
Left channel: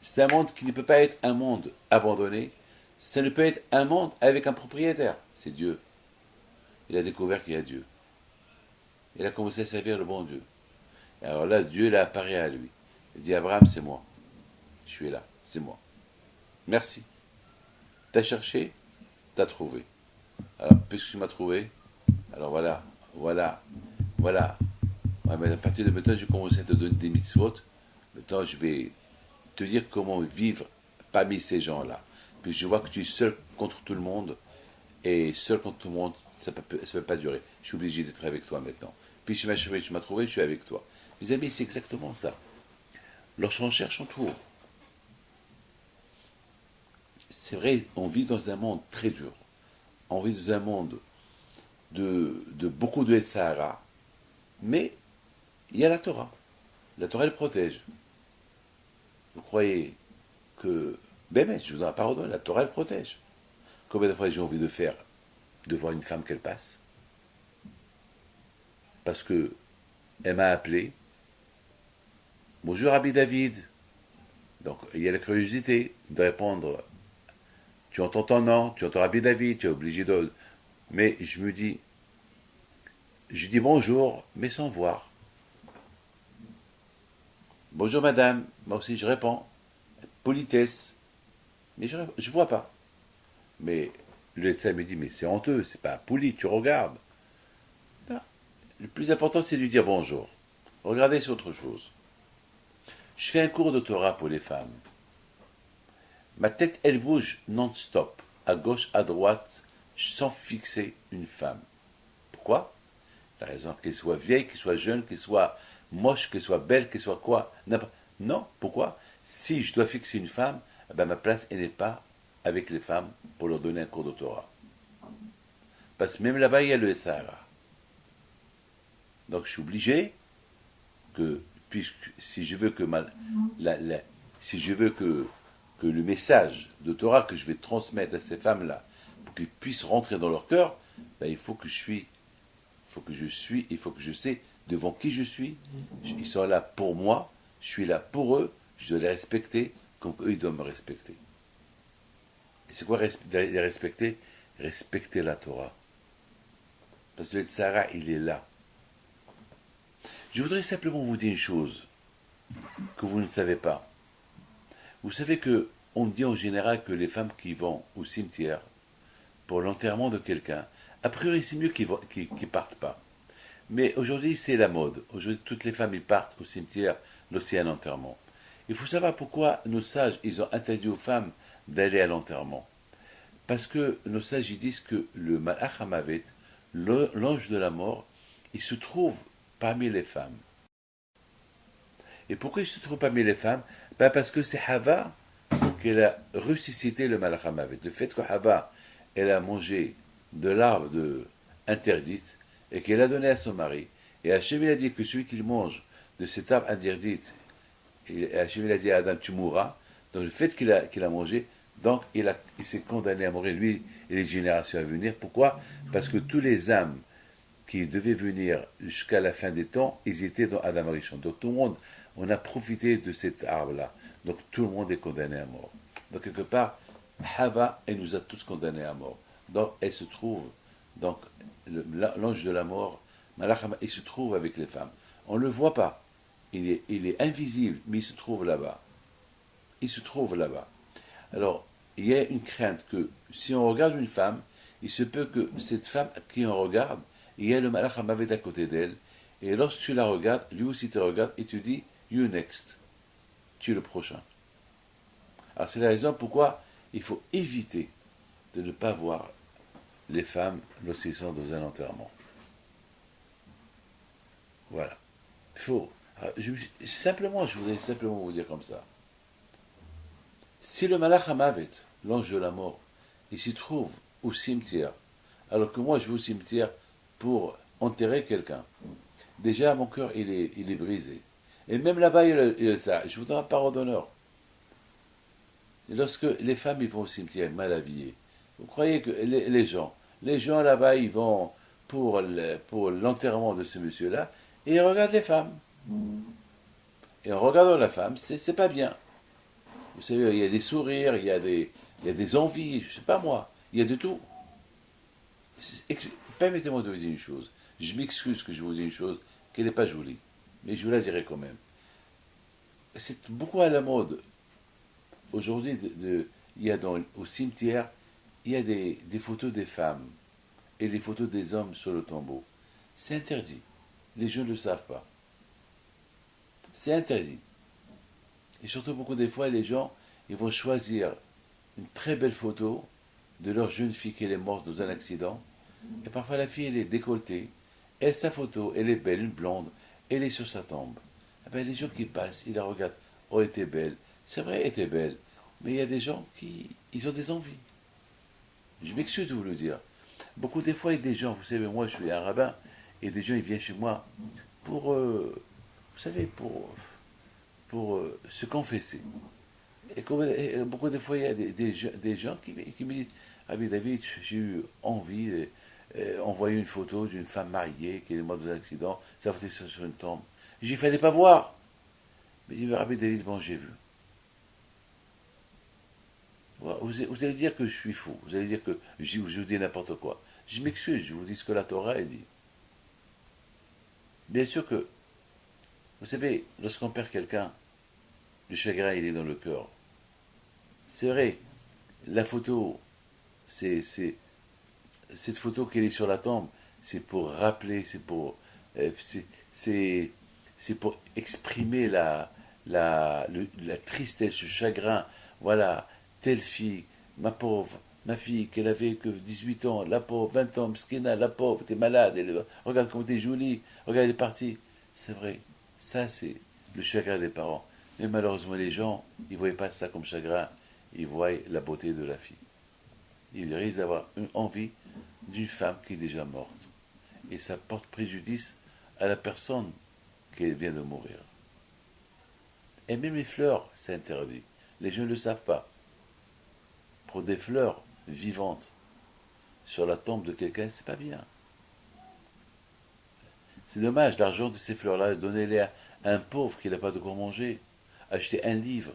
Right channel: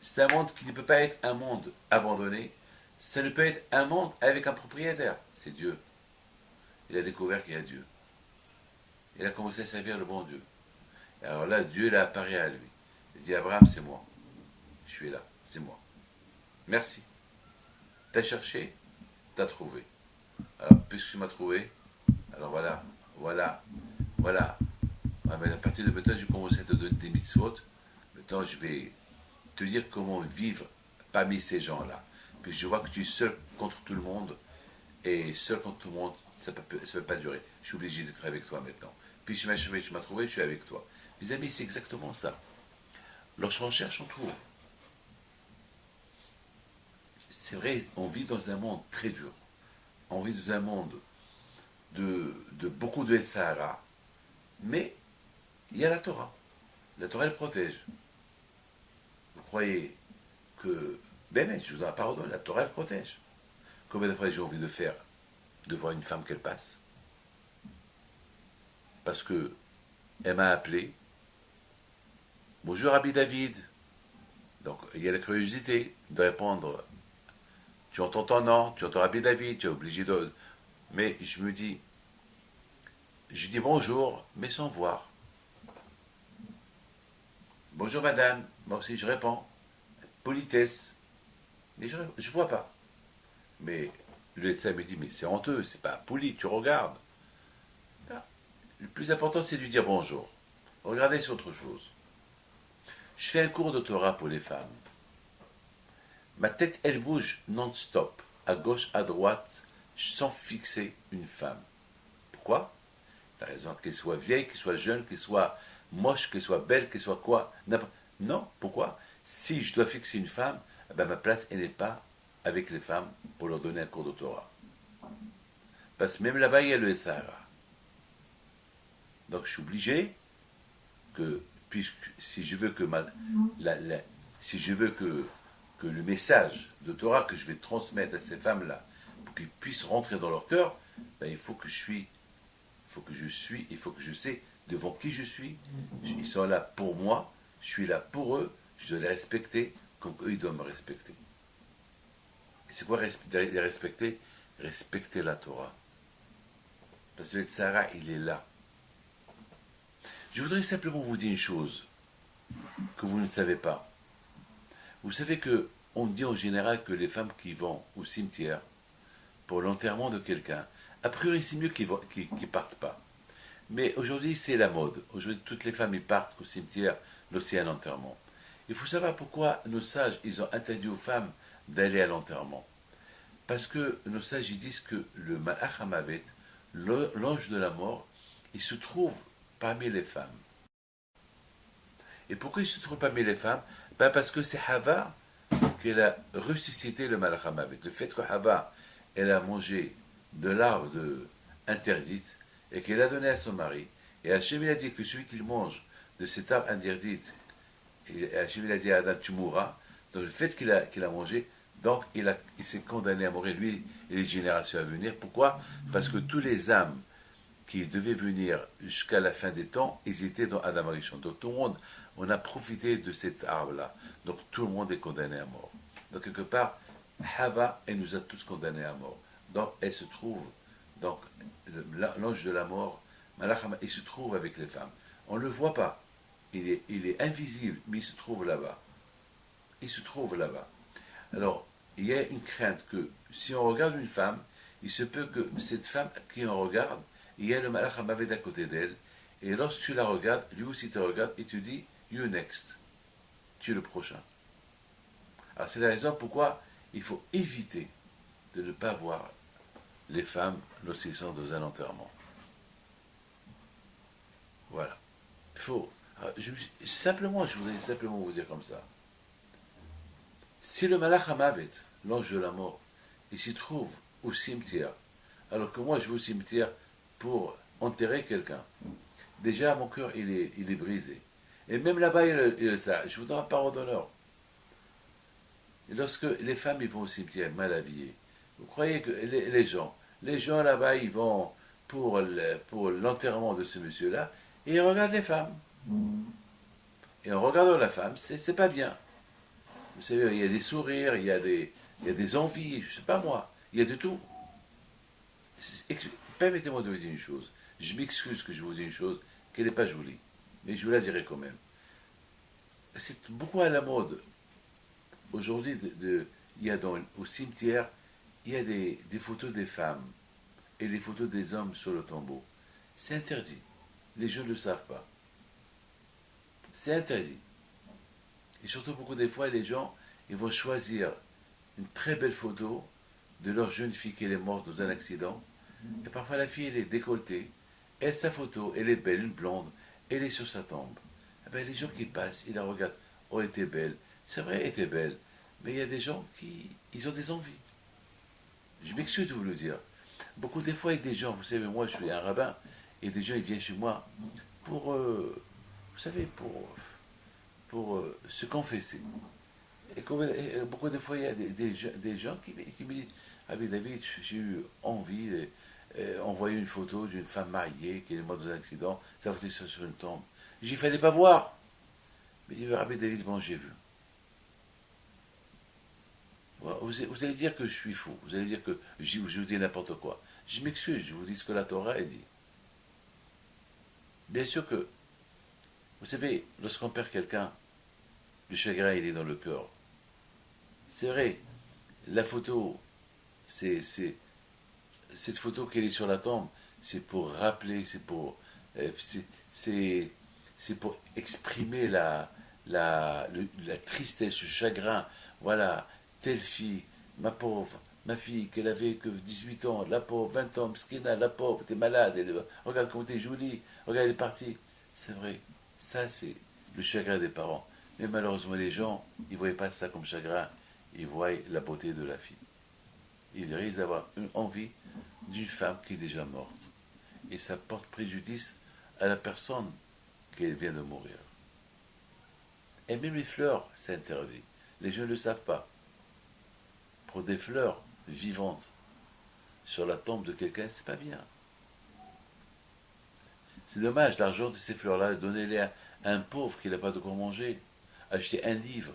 C'est un monde qui ne peut pas être un monde abandonné. Ça ne peut être un monde avec un propriétaire. C'est Dieu. Il a découvert qu'il y a Dieu. Il a commencé à servir le bon Dieu. Et alors là, Dieu l'a apparu à lui. Il dit, Abraham, c'est moi. Je suis là, c'est moi. Merci. T'as cherché, t'as trouvé. Alors, puisque tu m'as trouvé, alors voilà. Ouais, mais à partir de maintenant, je commence à te donner des mitzvot. Maintenant, je vais te dire comment vivre parmi ces gens-là. Puis je vois que tu es seul contre tout le monde, et seul contre tout le monde, ça ne peut pas durer. Je suis obligé d'être avec toi maintenant. Puis tu m'as trouvé, je suis avec toi. Mes amis, c'est exactement ça. Lorsqu'on cherche, on trouve. C'est vrai, on vit dans un monde très dur. On vit dans un monde de beaucoup de Sahara, mais il y a la Torah. La Torah, elle protège. Vous croyez que, ben, je vous en ai pas redonné, la Torah, elle protège. Combien de fois j'ai envie de faire devant une femme qu'elle passe? Parce que elle m'a appelé. Bonjour, Rabbi David. Donc, il y a la curiosité de répondre. Tu entends ton nom, tu entends Rabbi David, tu es obligé de. Mais je dis bonjour, mais sans voir. Bonjour madame, moi aussi je réponds. Politesse. Mais je ne vois pas. Mais le médecin me dit, mais c'est honteux, c'est pas poli, tu regardes. Non. Le plus important, c'est de lui dire bonjour. Regardez, c'est autre chose. Je fais un cours de Torah pour les femmes. Ma tête, elle bouge non-stop, à gauche, à droite, sans fixer une femme. Pourquoi? La raison qu'elle soit vieille, qu'elle soit jeune, qu'elle soit moche, qu'elle soit belle, qu'elle soit quoi? Non, pourquoi? Si je dois fixer une femme, ben ma place, elle n'est pas avec les femmes pour leur donner un cours de Torah. Parce que même là-bas, il y a le Sahara. Donc je suis obligé si je veux que le message de Torah que je vais transmettre à ces femmes-là, pour qu'ils puissent rentrer dans leur cœur, ben, il faut que je sais devant qui je suis. Ils sont là pour moi, je suis là pour eux, je dois les respecter comme eux ils doivent me respecter. Et c'est quoi les respecter? Respecter la Torah. Parce que le Tzara, il est là. Je voudrais simplement vous dire une chose. que vous ne savez pas. Vous savez que on dit en général que les femmes qui vont au cimetière pour l'enterrement de quelqu'un, a priori c'est mieux qu'ils ne partent pas. Mais aujourd'hui c'est la mode. Aujourd'hui toutes les femmes ils partent au cimetière lorsqu'il y a un enterrement. Il faut savoir pourquoi nos sages ils ont interdit aux femmes d'aller à l'enterrement. Parce que nos sages ils disent que le Malach HaMavet, l'ange de la mort, il se trouve parmi les femmes. Et pourquoi il se trouve parmi les femmes? Parce que c'est Hava qu'elle a ressuscité le Malach HaMavet. Le fait que Hava, elle a mangé de l'arbre interdite et qu'elle a donné à son mari. Et Hachem il a dit que celui qui mange de cet arbre interdite, et Hachem il a dit à Adam, tu mourras. Donc le fait qu'il a mangé, donc il s'est condamné à mourir, lui et les générations à venir. Pourquoi? Parce que tous les âmes qui devaient venir jusqu'à la fin des temps, ils étaient dans Adam Arishon. Donc tout le monde, on a profité de cet arbre-là. Donc tout le monde est condamné à mort. Donc quelque part, Hava, elle nous a tous condamnés à mort. Donc elle se trouve, donc l'ange de la mort, Malach, il se trouve avec les femmes. On ne le voit pas. Il est invisible, mais il se trouve là-bas. Il se trouve là-bas. Alors, il y a une crainte que si on regarde une femme, il se peut que cette femme qui on regarde, il y a le Malach HaMavet à côté d'elle, et lorsque tu la regardes, lui aussi te regarde, et tu dis, you next, tu es le prochain. Alors c'est la raison pourquoi il faut éviter de ne pas voir les femmes lorsqu'ils sont dans un enterrement. Voilà. Il faut. Je voudrais simplement vous dire comme ça. Si le Malach HaMavet, l'ange de la mort, il s'y trouve au cimetière, alors que moi je vais au cimetière pour enterrer quelqu'un, déjà mon cœur il est brisé. Et même là-bas, je vous donne un parole d'honneur. Et lorsque les femmes ils vont au cimetière mal habillées, vous croyez que les gens là-bas ils vont pour l'enterrement de ce monsieur-là et ils regardent les femmes. Et en regardant la femme, c'est pas bien. Vous savez, il y a des sourires, il y a des envies, je sais pas moi, il y a de tout. Permettez-moi de vous dire une chose. Je m'excuse que je vous dise une chose qui n'est pas jolie, mais je vous la dirai quand même. C'est beaucoup à la mode. Aujourd'hui, il y a au cimetière, il y a des photos des femmes et des photos des hommes sur le tombeau. C'est interdit. Les gens ne le savent pas. C'est interdit. Et surtout, beaucoup des fois, les gens, ils vont choisir une très belle photo de leur jeune fille qui est morte dans un accident. Et parfois, la fille, elle est décolletée. Elle, sa photo, elle est belle, une blonde. Elle est sur sa tombe. Eh bien, les gens qui passent, ils la regardent. Oh, elle était belle. C'est vrai, elle était belle. Mais il y a des gens ils ont des envies. Je m'excuse de vous le dire. Beaucoup des fois, il y a des gens, vous savez, moi, je suis un rabbin, et des gens, ils viennent chez moi pour, vous savez, pour se confesser. Et beaucoup de fois, il y a des gens qui me disent, ah oui, David, j'ai eu envie d'envoyer une photo d'une femme mariée qui est morte dans un accident, ça va être sur une tombe. J'ai fallait pas voir. Mais il dit, Rabbi David, bon, j'ai vu. Vous allez dire que je suis fou, vous allez dire que je vous dis n'importe quoi. Je m'excuse, je vous dis ce que la Torah a dit. Bien sûr que, vous savez, lorsqu'on perd quelqu'un, le chagrin, il est dans le cœur. C'est vrai, la photo, cette photo qui est sur la tombe, c'est pour rappeler, c'est pour exprimer la tristesse, le chagrin. Voilà, telle fille, ma pauvre, ma fille, qu'elle avait que 18 ans, la pauvre, 20 ans, Mskina, la pauvre, t'es malade, regarde comment t'es jolie, regarde, elle est partie. C'est vrai, ça c'est le chagrin des parents. Mais malheureusement, les gens, ils ne voyaient pas ça comme chagrin, ils voient la beauté de la fille. Ils risquent d'avoir une envie d'une femme qui est déjà morte. Et ça porte préjudice à la personne qui vient de mourir. Et même les fleurs, c'est interdit. Les gens ne le savent pas. Pour des fleurs vivantes sur la tombe de quelqu'un, c'est pas bien. C'est dommage, l'argent de ces fleurs-là, donnez-les à un pauvre qui n'a pas de quoi manger. Achetez un livre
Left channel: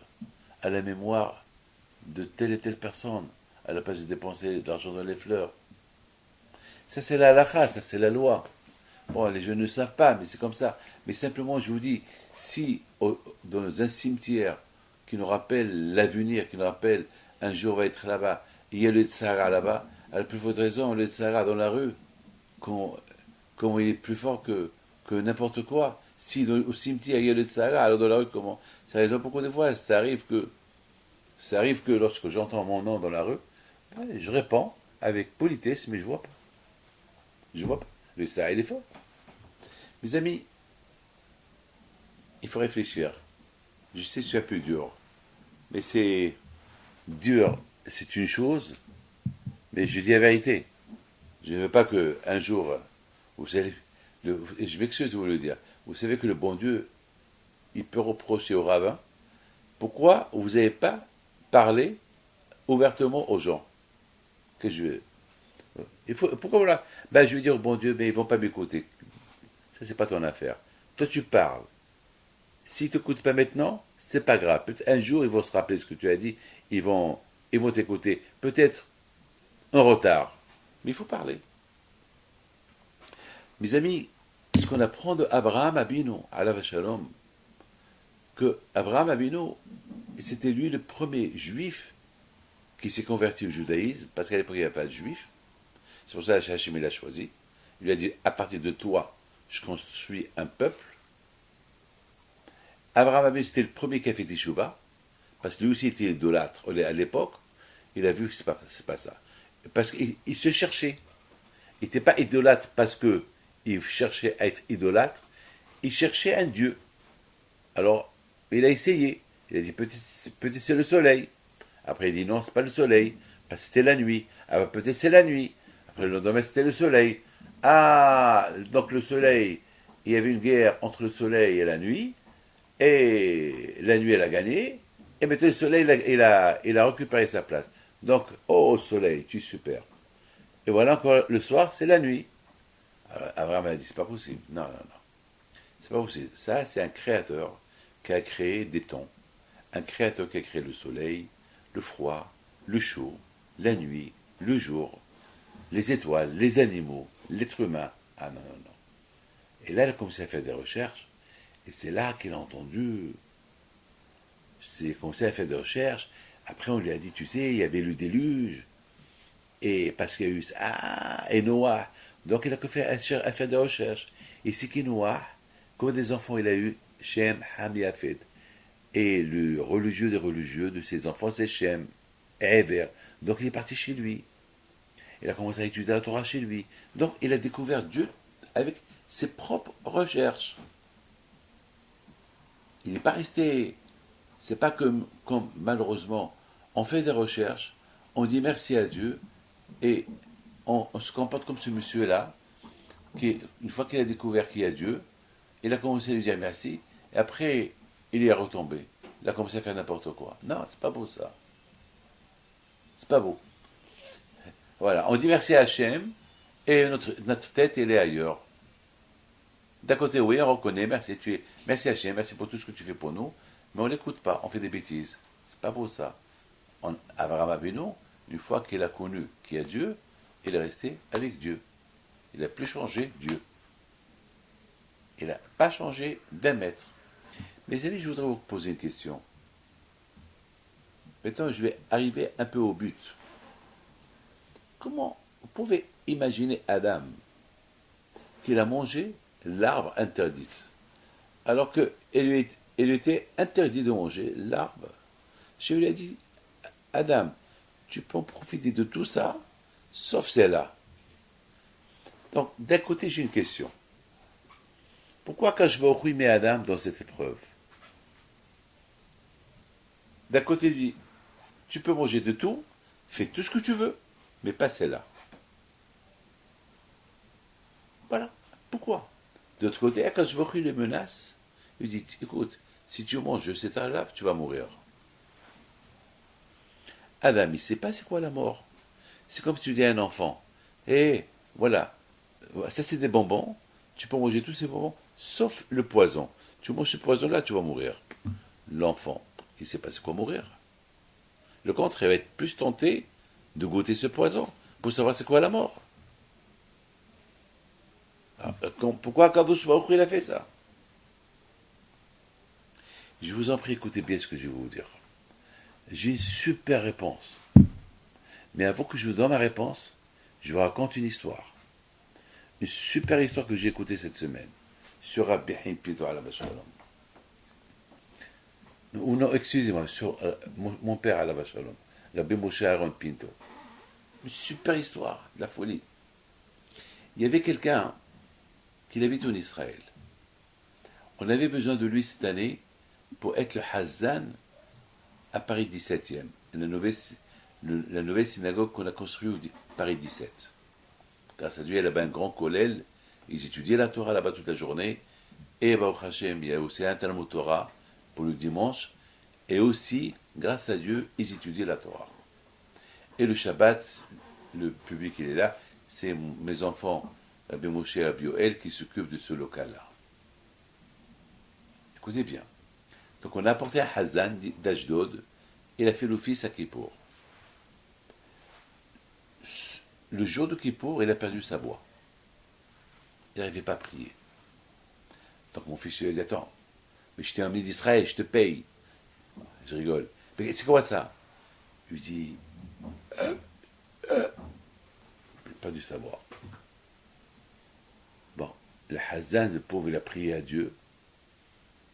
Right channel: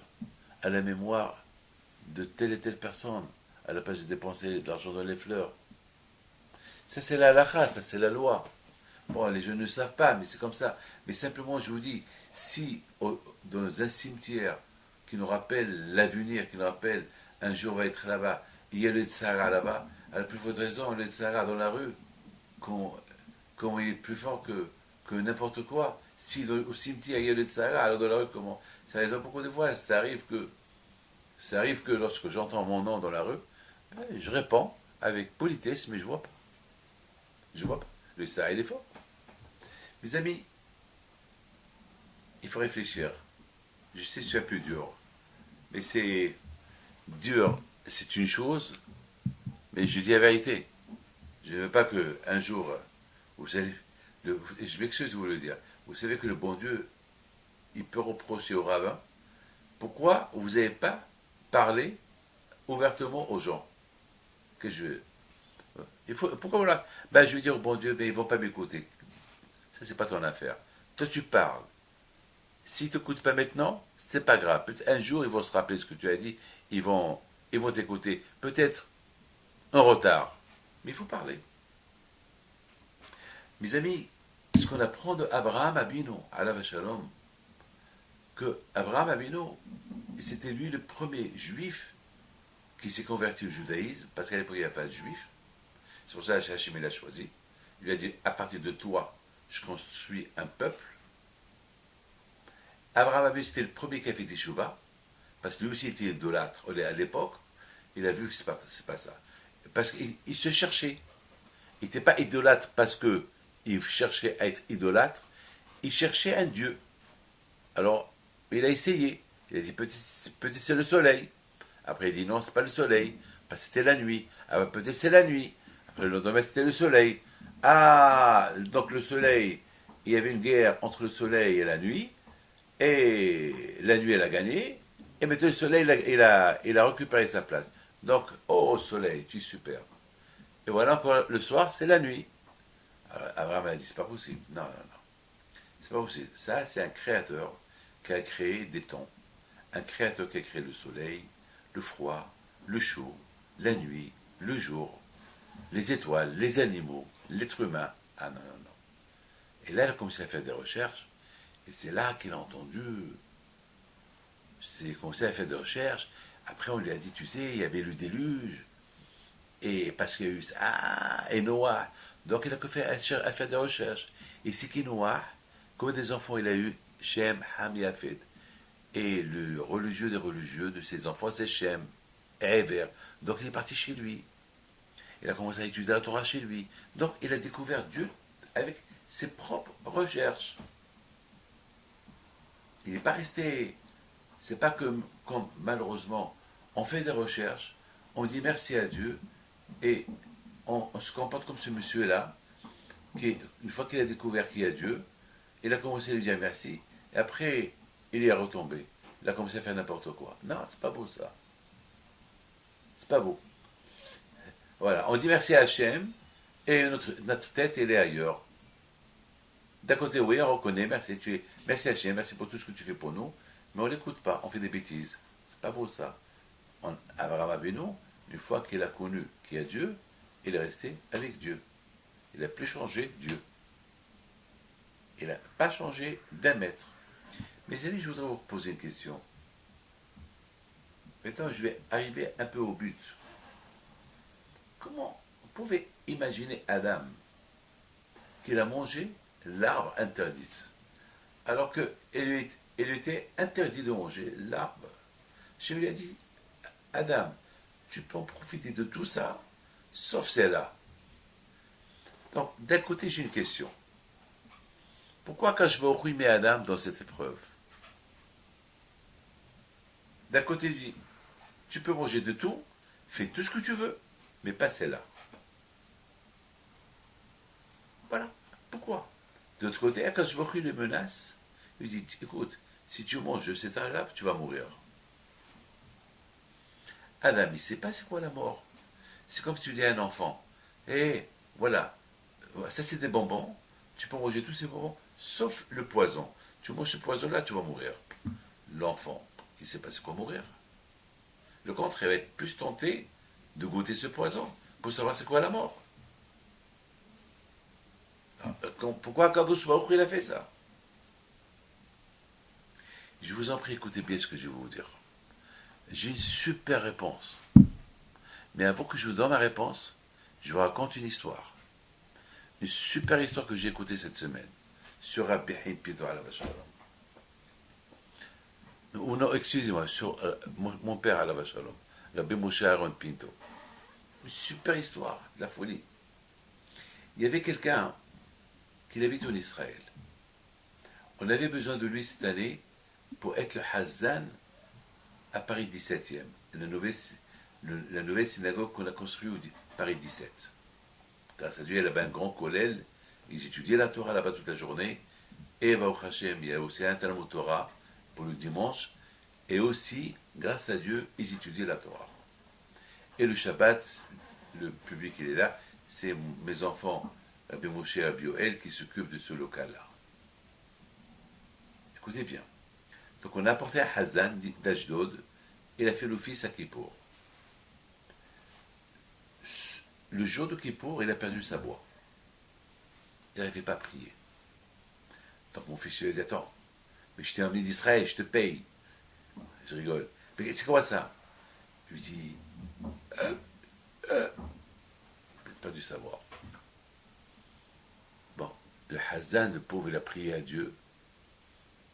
à la mémoire de telle et telle personne, à la place de dépenser de l'argent dans les fleurs. Ça, c'est la halakha, ça, c'est la loi. Bon, les jeunes ne savent pas, mais c'est comme ça. Mais simplement, je vous dis, Si dans un cimetière qui nous rappelle l'avenir, qui nous rappelle un jour on va être là-bas, il y a le Tzara là-bas, à la plus forte raison, le Tzara dans la rue, comment il est plus fort que n'importe quoi. Si au cimetière il y a le Tzara, alors dans la rue, comment? C'est la raison pourquoi des fois ça arrive que lorsque j'entends mon nom dans la rue, je réponds avec politesse, mais je vois pas. Je vois pas. Le Tzara, il est fort. Mes amis, il faut réfléchir. Je sais que c'est un peu dur, mais c'est dur, c'est une chose, mais je dis la vérité. Je ne veux pas qu'un jour, vous allez, et je m'excuse de vous le dire, vous savez que le bon Dieu, il peut reprocher au rabbin, pourquoi vous n'avez pas parlé ouvertement aux gens que je pourquoi voilà, je vais dire au bon Dieu, ils ne vont pas m'écouter. Ça, c'est pas ton affaire. Toi, tu parles. S'ils ne t'écoutent pas maintenant, c'est pas grave. Un jour, ils vont se rappeler ce que tu as dit, ils vont t'écouter. Peut-être en retard, mais il faut parler. Mes amis, ce qu'on apprend de Abraham Abinu, alav shalom, que Abraham Abinu, c'était lui le premier juif qui s'est converti au judaïsme, parce qu'à l'époque, il n'y avait pas de juif. C'est pour ça que Hachem l'a choisi. Il lui a dit, à partir de toi, je construis un peuple. Abraham Abinu, c'était le premier qui a fait Teshuvah, parce que lui aussi était idolâtre. À l'époque, il a vu que c'est pas ça. Parce qu'il se cherchait. Il n'était pas idolâtre parce qu'il cherchait à être idolâtre, il cherchait un Dieu. Alors, il a essayé. Il a dit, peut-être c'est le soleil. Après, il dit, non, c'est pas le soleil, parce que c'était la nuit. Ah, peut-être c'est la nuit. Après, le lendemain, c'était le soleil. Ah, donc le soleil, il y avait une guerre entre le soleil et la nuit, et la nuit, elle a gagné, et maintenant le soleil, il a récupéré sa place. Donc, oh soleil, tu es super. Et voilà encore, le soir, c'est la nuit. Alors, Abraham a dit, c'est pas possible. Non, non, non. C'est pas possible. Ça, c'est un créateur qui a créé des temps. Un créateur qui a créé le soleil, le froid, le chaud, la nuit, le jour, les étoiles, les animaux, l'être humain. Ah non, non, non. Et là, il a commencé à faire des recherches, et c'est là qu'il a entendu, il a commencé à faire des recherches. Après, on lui a dit, tu sais, il y avait le déluge, et parce qu'il y a eu ça, et Noah. Donc, il a fait à faire des recherches. Et c'est qui Noah, combien des enfants il a eu? Shem, Ham et Yafet. Et le religieux des religieux de ses enfants, c'est Shem, Ever. Donc, il est parti chez lui. Il a commencé à étudier la Torah chez lui. Donc, il a découvert Dieu avec ses propres recherches. Il n'est pas resté. C'est pas comme malheureusement, on fait des recherches, on dit merci à Dieu, et on se comporte comme ce monsieur-là, qui, une fois qu'il a découvert qu'il y a Dieu, il a commencé à lui dire merci, et après, il y est retombé. Il a commencé à faire n'importe quoi. Non, c'est pas beau ça. C'est pas beau. Voilà, on dit merci à Hachem, et notre tête, elle est ailleurs. D'un côté, oui, on reconnaît, merci Hachem, merci pour tout ce que tu fais pour nous, mais on ne l'écoute pas, on fait des bêtises. C'est pas beau ça. Abraham Avinu, une fois qu'il a connu qu'il y a Dieu, il est resté avec Dieu. Il n'a plus changé Dieu. Il n'a pas changé d'un mètre. Mes amis, je voudrais vous poser une question. Maintenant, je vais arriver un peu au but. Comment vous pouvez imaginer Adam qu'il a mangé l'arbre interdit, alors qu'il lui était interdit de manger l'arbre? Je lui ai dit, Adam, tu peux en profiter de tout ça, sauf celle-là. Donc, d'un côté, j'ai une question. Pourquoi quand je vais met Adam dans cette épreuve? D'un côté, il dit, tu peux manger de tout, fais tout ce que tu veux, mais pas celle-là. Voilà. Pourquoi? De l'autre côté, quand je le menace, il dit, écoute, si tu manges de cet arbre, tu vas mourir. Adam, il ne sait pas c'est quoi la mort. C'est comme si tu dis à un enfant, voilà, ça c'est des bonbons, tu peux manger tous ces bonbons, sauf le poison. Tu manges ce poison-là, tu vas mourir. L'enfant, il ne sait pas c'est quoi mourir. Le contraire, il va être plus tenté de goûter ce poison pour savoir c'est quoi la mort. Alors, pourquoi Kadosh Baruch Hu, il a fait ça? Je vous en prie, écoutez bien ce que je vais vous dire. J'ai une super réponse. Mais avant que je vous donne ma réponse, je vous raconte une histoire. Une super histoire que j'ai écoutée cette semaine. Sur Rabbi Haim Pinto Alav Shalom. Ou non, excusez-moi, sur mon père Alav Shalom. Rabbi Moshe Aaron Pinto. Une super histoire, de la folie. Il y avait quelqu'un qui habite en Israël. On avait besoin de lui cette année pour être le Hazan à Paris 17e, la nouvelle synagogue qu'on a construite au Paris 17. Grâce à Dieu, il y avait un grand kollel, ils étudiaient la Torah là-bas toute la journée, et Baruch Hashem, il y a aussi un Talmud Torah pour le dimanche, et aussi, grâce à Dieu, ils étudiaient la Torah. Et le Shabbat, le public il est là, c'est mes enfants, Rabbi Moshe et Rabbi Yoel, qui s'occupent de ce local-là. Écoutez bien. Donc on a apporté un Hazan d'Ashdod, et il a fait l'office à Kippour. Le jour de Kippour, il a perdu sa voix. Il n'arrivait pas à prier. Donc mon fils lui a dit, attends, mais je t'ai emmené d'Israël, je te paye. Je rigole. Mais c'est quoi ça? Je lui dis, il a perdu sa voix. Bon, le Hazan, le pauvre, il a prié à Dieu.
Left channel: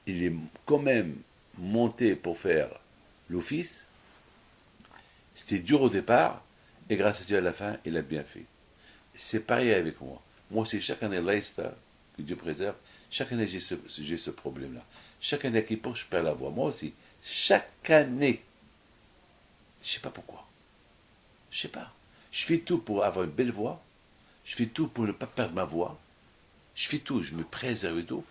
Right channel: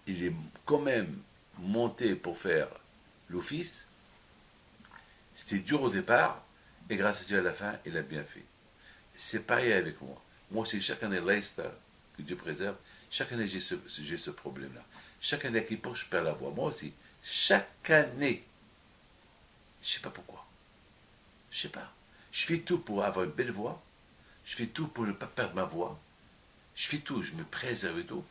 Il est quand même monté pour faire l'office. C'était dur au départ, et grâce à Dieu à la fin, il a bien fait. C'est pareil avec moi. Moi aussi, chaque année, que Dieu préserve, chaque année, j'ai ce problème-là. Chaque année, à Kippour, je perds la voix. Moi aussi, chaque année. Je ne sais pas pourquoi. Je ne sais pas. Je fais tout pour avoir une belle voix. Je fais tout pour ne pas perdre ma voix. Je fais tout, je me préserve et tout.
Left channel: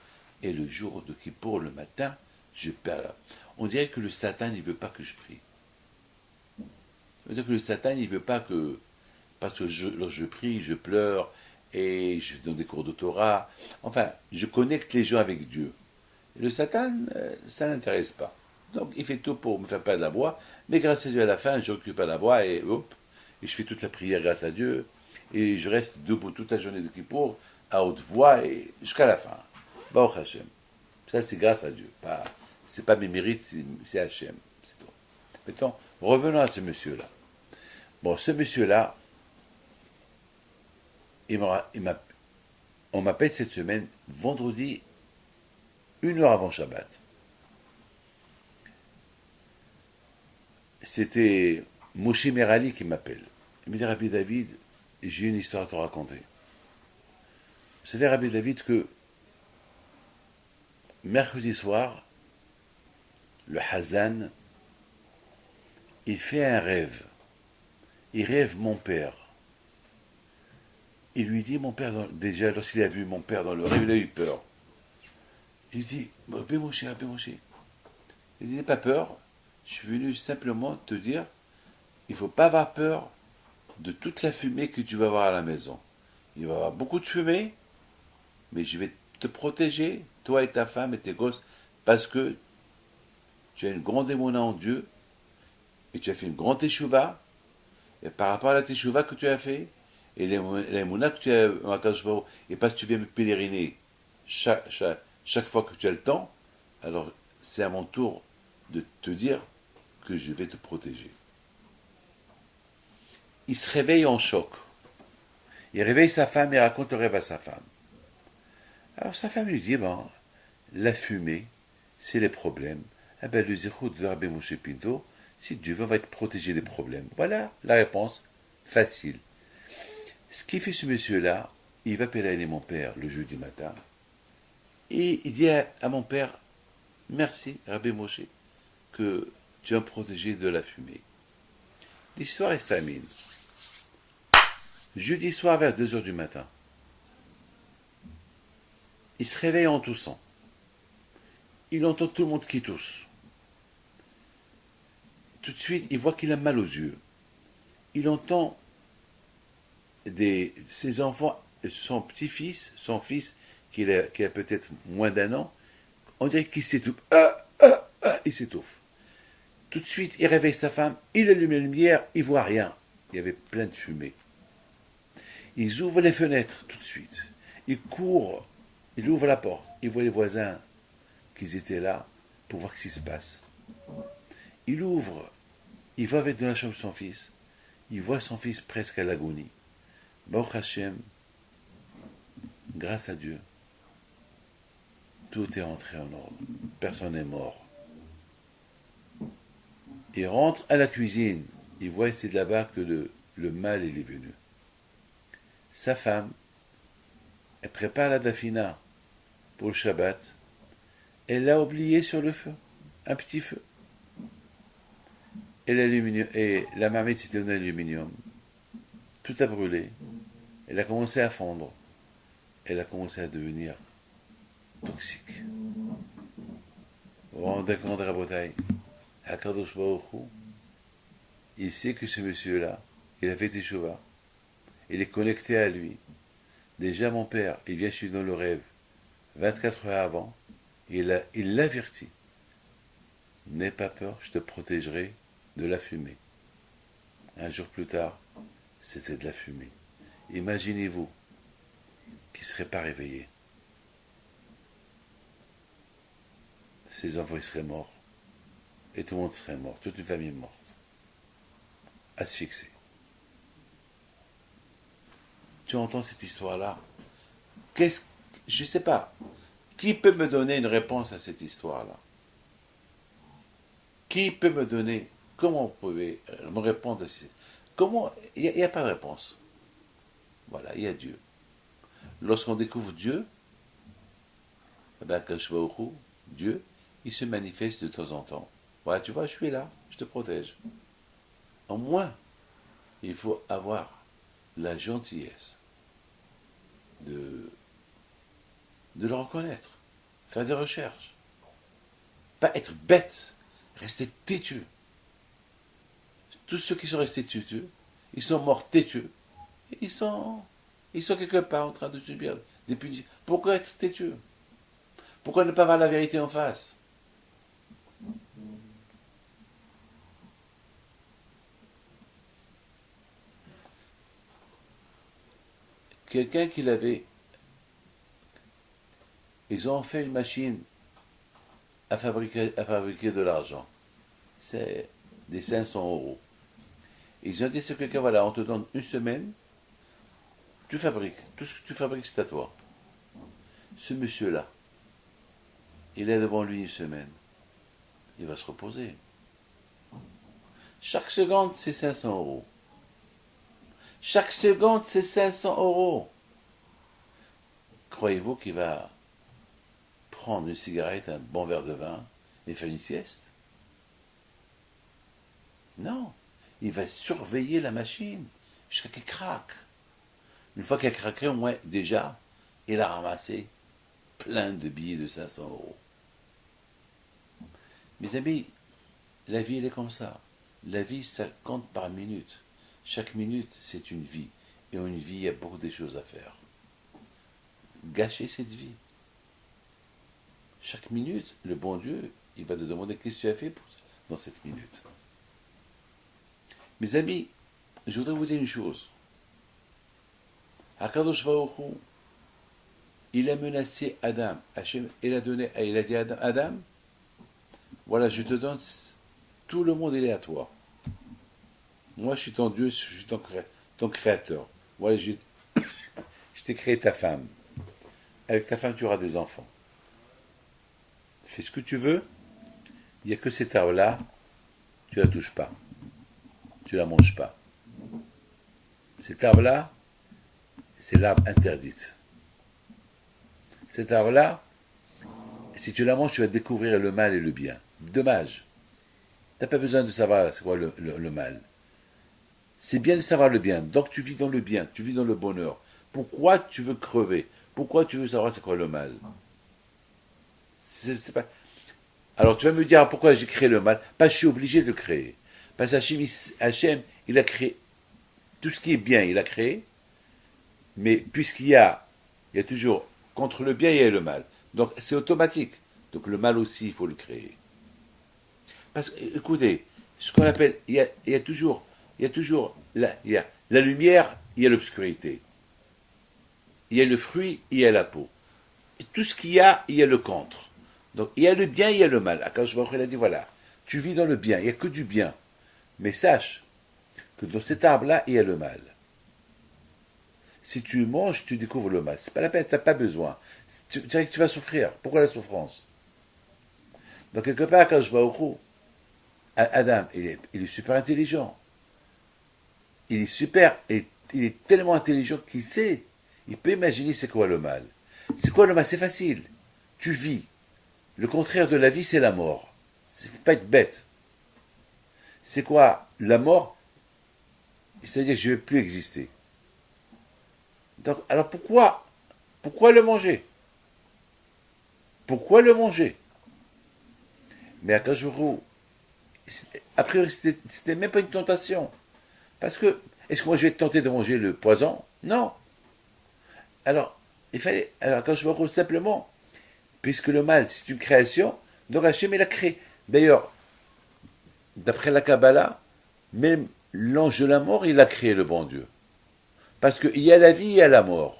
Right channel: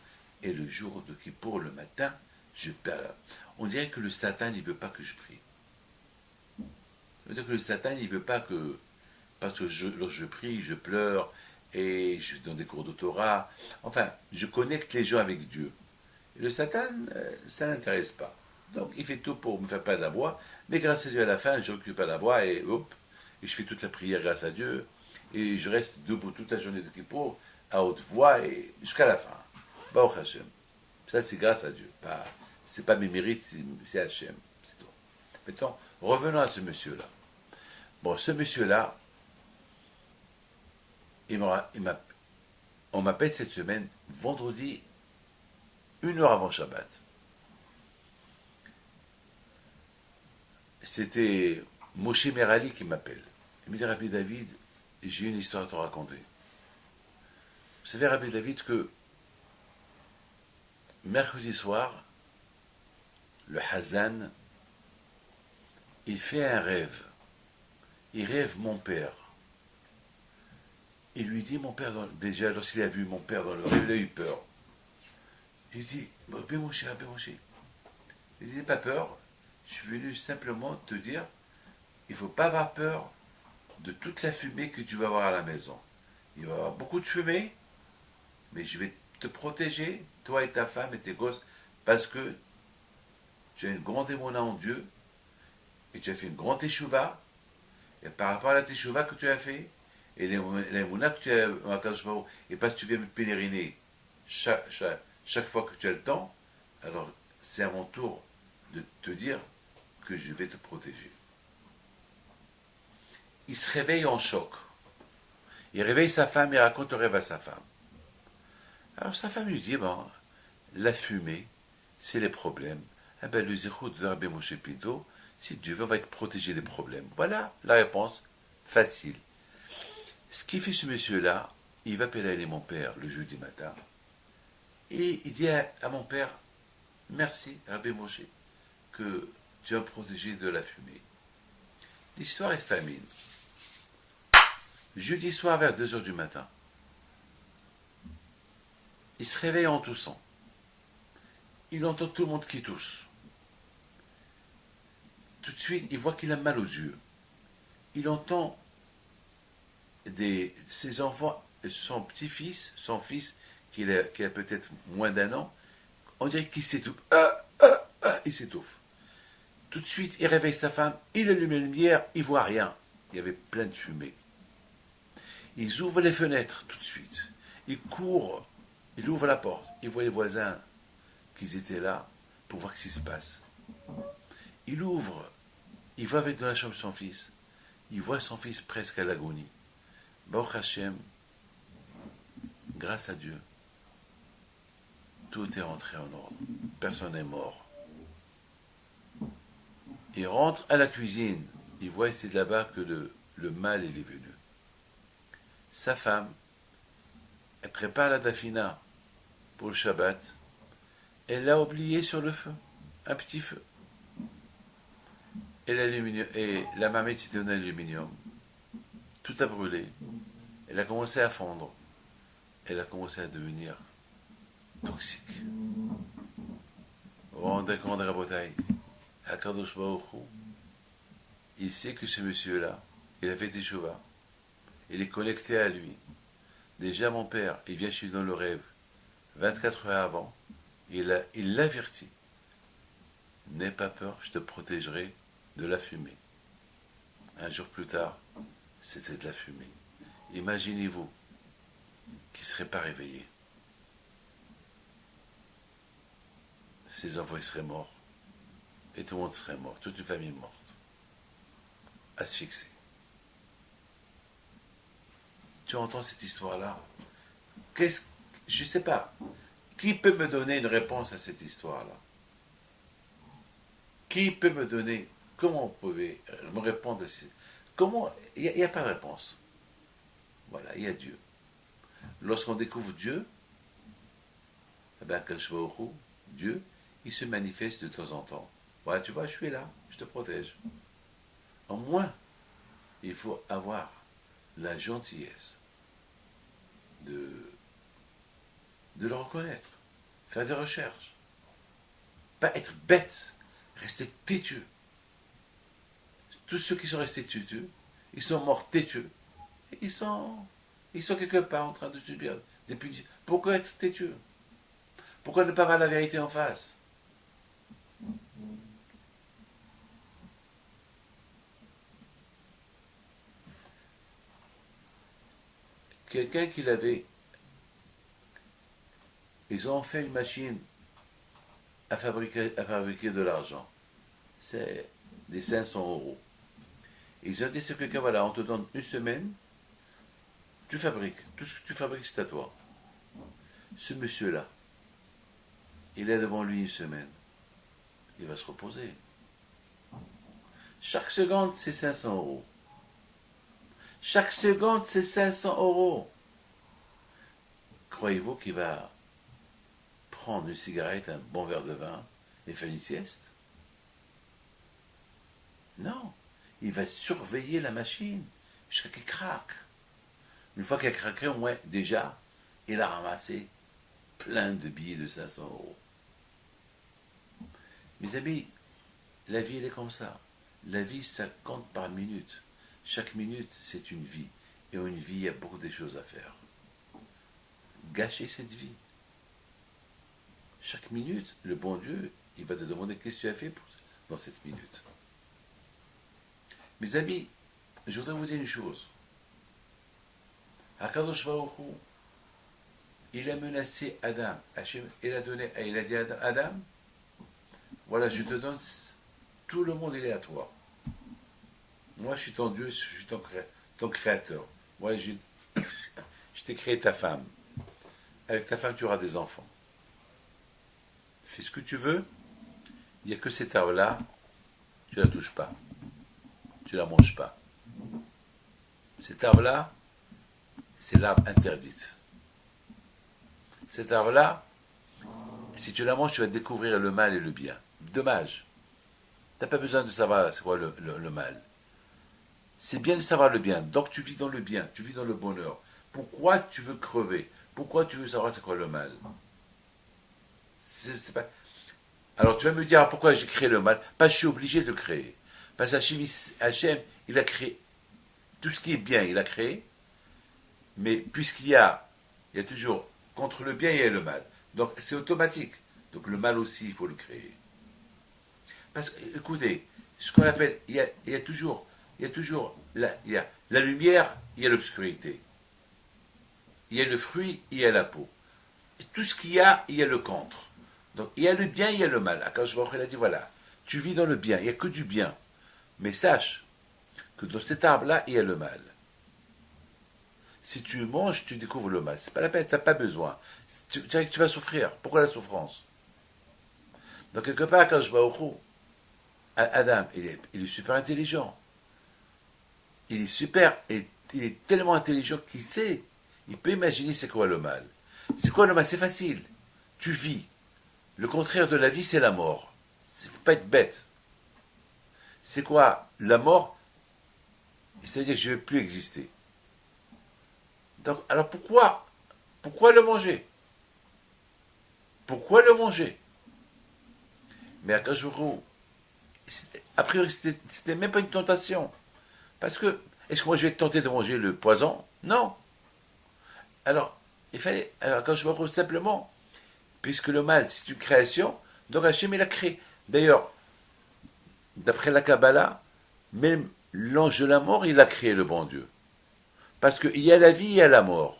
Et le jour de Kippour, le matin, je perds. On dirait que le Satan, il ne veut pas que je prie. C'est-à-dire que le Satan, il ne veut pas que... Parce que lorsque je prie, je pleure, et je donne des cours de Torah. Enfin, je connecte les gens avec Dieu. Et le Satan, ça ne l'intéresse pas. Donc, il fait tout pour me faire perdre la voix, mais grâce à Dieu, à la fin, je récupère la voix, et hop, et je fais toute la prière grâce à Dieu, et je reste debout toute la journée de Kippour, à haute voix, et jusqu'à la fin. Baruch Hashem. Ça, c'est grâce à Dieu. C'est pas mes mérites, c'est Hashem. C'est tout. Maintenant, revenons à ce monsieur-là. Bon, ce monsieur-là, on m'appelle cette semaine, vendredi, 1 heure avant Shabbat. C'était Moshe Merali qui m'appelle. Il me dit, Rabbi David, j'ai une histoire à te raconter. Vous savez, Rabbi David, que mercredi soir, le Hazan, il fait un rêve. Il rêve mon père. Il lui dit, mon père, déjà, lorsqu'il a vu mon père dans le rêve, il a eu peur. Il lui dit, Rabbi Moshe. Il dit, n'aie pas peur, je suis venu simplement te dire, il ne faut pas avoir peur de toute la fumée que tu vas avoir à la maison. Il va y avoir beaucoup de fumée, mais je vais te protéger, toi et ta femme et tes gosses, parce que tu as une grande émouna en Dieu, et tu as fait une grande teshuva, et par rapport à la teshuva que tu as fait, et l'émouna que tu as en Akadosh Baruch Hu, et parce que tu viens me pèleriner chaque fois que tu as le temps, alors c'est à mon tour de te dire que je vais te protéger. Il se réveille en choc. Il réveille sa femme et raconte le rêve à sa femme. Alors sa femme lui dit, bon, la fumée, c'est les problèmes. Ah ben le zéro de Rabbi Moshe Pinto, si Dieu veut, on va être protégé des problèmes. Voilà la réponse facile. Ce qui fait ce monsieur-là, il va pédaler mon père le jeudi matin, et il dit à mon père, merci Rabbi Moshe, que tu as protégé de la fumée. L'histoire est terminée. Jeudi soir vers 2 heures du matin, il se réveille en toussant. Il entend tout le monde qui tousse. Tout de suite, il voit qu'il a mal aux yeux. Il entend ses enfants, son petit-fils, son fils, qui a peut-être moins d'1 an, on dirait qu'il s'étouffe. Il s'étouffe. Tout de suite, il réveille sa femme, il allume la lumière, il voit rien. Il y avait plein de fumée. Ils ouvrent les fenêtres tout de suite. Ils courent, ils ouvrent la porte. Ils voient les voisins qui étaient là. pour voir ce qui se passe. Il ouvre, il va avec dans la chambre de son fils, il voit son fils presque à l'agonie. Baruch Hashem, grâce à Dieu, tout est rentré en ordre. Personne n'est mort. Il rentre à la cuisine, il voit c'est de là-bas que le mal il est venu. Sa femme, elle prépare la dafina pour le Shabbat, elle l'a oublié sur le feu, un petit feu. Et la marmite c'était en aluminium, tout a brûlé, elle a commencé à fondre, elle a commencé à devenir toxique. Vous vous rendez compte, Rabotai, Hakadosh Baruch Hu, il sait que ce monsieur-là, il a fait teshuva, il est connecté à lui. Déjà mon père, il vient chez lui dans le rêve, 24 heures avant, il l'avertit. N'aie pas peur, je te protégerai de la fumée. Un jour plus tard, c'était de la fumée. Imaginez-vous qu'il ne serait pas réveillé. Ses enfants seraient morts. Et tout le monde serait mort. Toute une famille morte. Asphyxiée. Tu entends cette histoire-là? Je ne sais pas. Qui peut me donner une réponse à cette histoire-là? Qui peut me donner? Comment vous pouvez me répondre? Comment? Il n'y a pas de réponse. Voilà, il y a Dieu. Lorsqu'on découvre Dieu, Dieu, il se manifeste de temps en temps. Voilà, tu vois, je suis là, je te protège. Au moins, il faut avoir la gentillesse de le reconnaître, faire des recherches. Pas être bête, rester têtu. Tous ceux qui sont restés têtus, ils sont morts têtus. Ils sont quelque part en train de subir des punitions. Pourquoi être têtu? Pourquoi ne pas voir la vérité en face? Quelqu'un qui l'avait, ils ont fait une machine à fabriquer de l'argent. C'est des 500 €. Ils ont dit à quelqu'un, voilà, on te donne une semaine, tu fabriques. Tout ce que tu fabriques, c'est à toi. Ce monsieur-là, il est devant lui une semaine. Il va se reposer. Chaque seconde, c'est 500 €. Chaque seconde, c'est 500 €. Croyez-vous qu'il va prendre une cigarette, un bon verre de vin et faire une sieste? Non. Il va surveiller la machine jusqu'à qu'elle craque. Une fois qu'elle a craqué, au moins, déjà, il a ramassé plein de billets de 500 €. Mes amis, la vie, elle est comme ça. La vie, ça compte par minute. Chaque minute, c'est une vie. Et une vie, il y a beaucoup de choses à faire. Gâcher cette vie. Chaque minute, le bon Dieu, il va te demander qu'est-ce que tu as fait dans cette minute. Mes amis, je voudrais vous dire une chose. Hakadosh Baruch Hu, il a menacé Adam. Hachem, il a dit à Adam, voilà, je te donne, tout le monde il est à toi. Moi, je suis ton Dieu, je suis ton créateur. Voilà, je t'ai créé ta femme. Avec ta femme, tu auras des enfants. Fais ce que tu veux. Il n'y a que cette herbe-là, tu ne la touches pas. Tu ne la manges pas. Cette herbe-là, c'est l'arbre interdite. Cette herbe-là, si tu la manges, tu vas découvrir le mal et le bien. Dommage. Tu n'as pas besoin de savoir c'est quoi le mal. C'est bien de savoir le bien. Donc tu vis dans le bien, tu vis dans le bonheur. Pourquoi tu veux crever? Pourquoi tu veux savoir c'est quoi le mal? C'est pas... Alors tu vas me dire pourquoi j'ai créé le mal? Parce que je suis obligé de le créer. Parce que Hachem, il a créé tout ce qui est bien, il a créé. Mais puisqu'il y a toujours contre le bien, il y a le mal. Donc c'est automatique. Donc le mal aussi, il faut le créer. Parce que, écoutez, ce qu'on appelle, il y a toujours la lumière, il y a l'obscurité. Il y a le fruit, il y a la peau. Et tout ce qu'il y a le contre. Donc il y a le bien, il y a le mal. Akadosh Baruch Hu, il a dit voilà, tu vis dans le bien, il n'y a que du bien. Mais sache que dans cet arbre-là, il y a le mal. Si tu manges, tu découvres le mal. C'est pas la peine, tu n'as pas besoin. Tu dirais que tu vas souffrir. Pourquoi la souffrance? Donc quelque part, Akadosh Baruch Hu, Adam, il est super intelligent. Il est super, il est tellement intelligent qu'il sait, il peut imaginer c'est quoi le mal. C'est quoi le mal? C'est facile. Tu vis. Le contraire de la vie, c'est la mort. Il ne faut pas être bête. C'est quoi la mort? C'est-à-dire que je ne vais plus exister. Donc, alors pourquoi le manger? Pourquoi le manger? Mais à Kajuru, a priori, c'était même pas une tentation. Parce que, est-ce que moi je vais tenter de manger le poison? Non. Alors, quand je me simplement, puisque le mal, c'est une création, donc Hachem, il a créé. D'ailleurs, d'après la Kabbalah, même l'ange de la mort, il a créé le bon Dieu. Parce qu'il y a la vie, il y a la mort.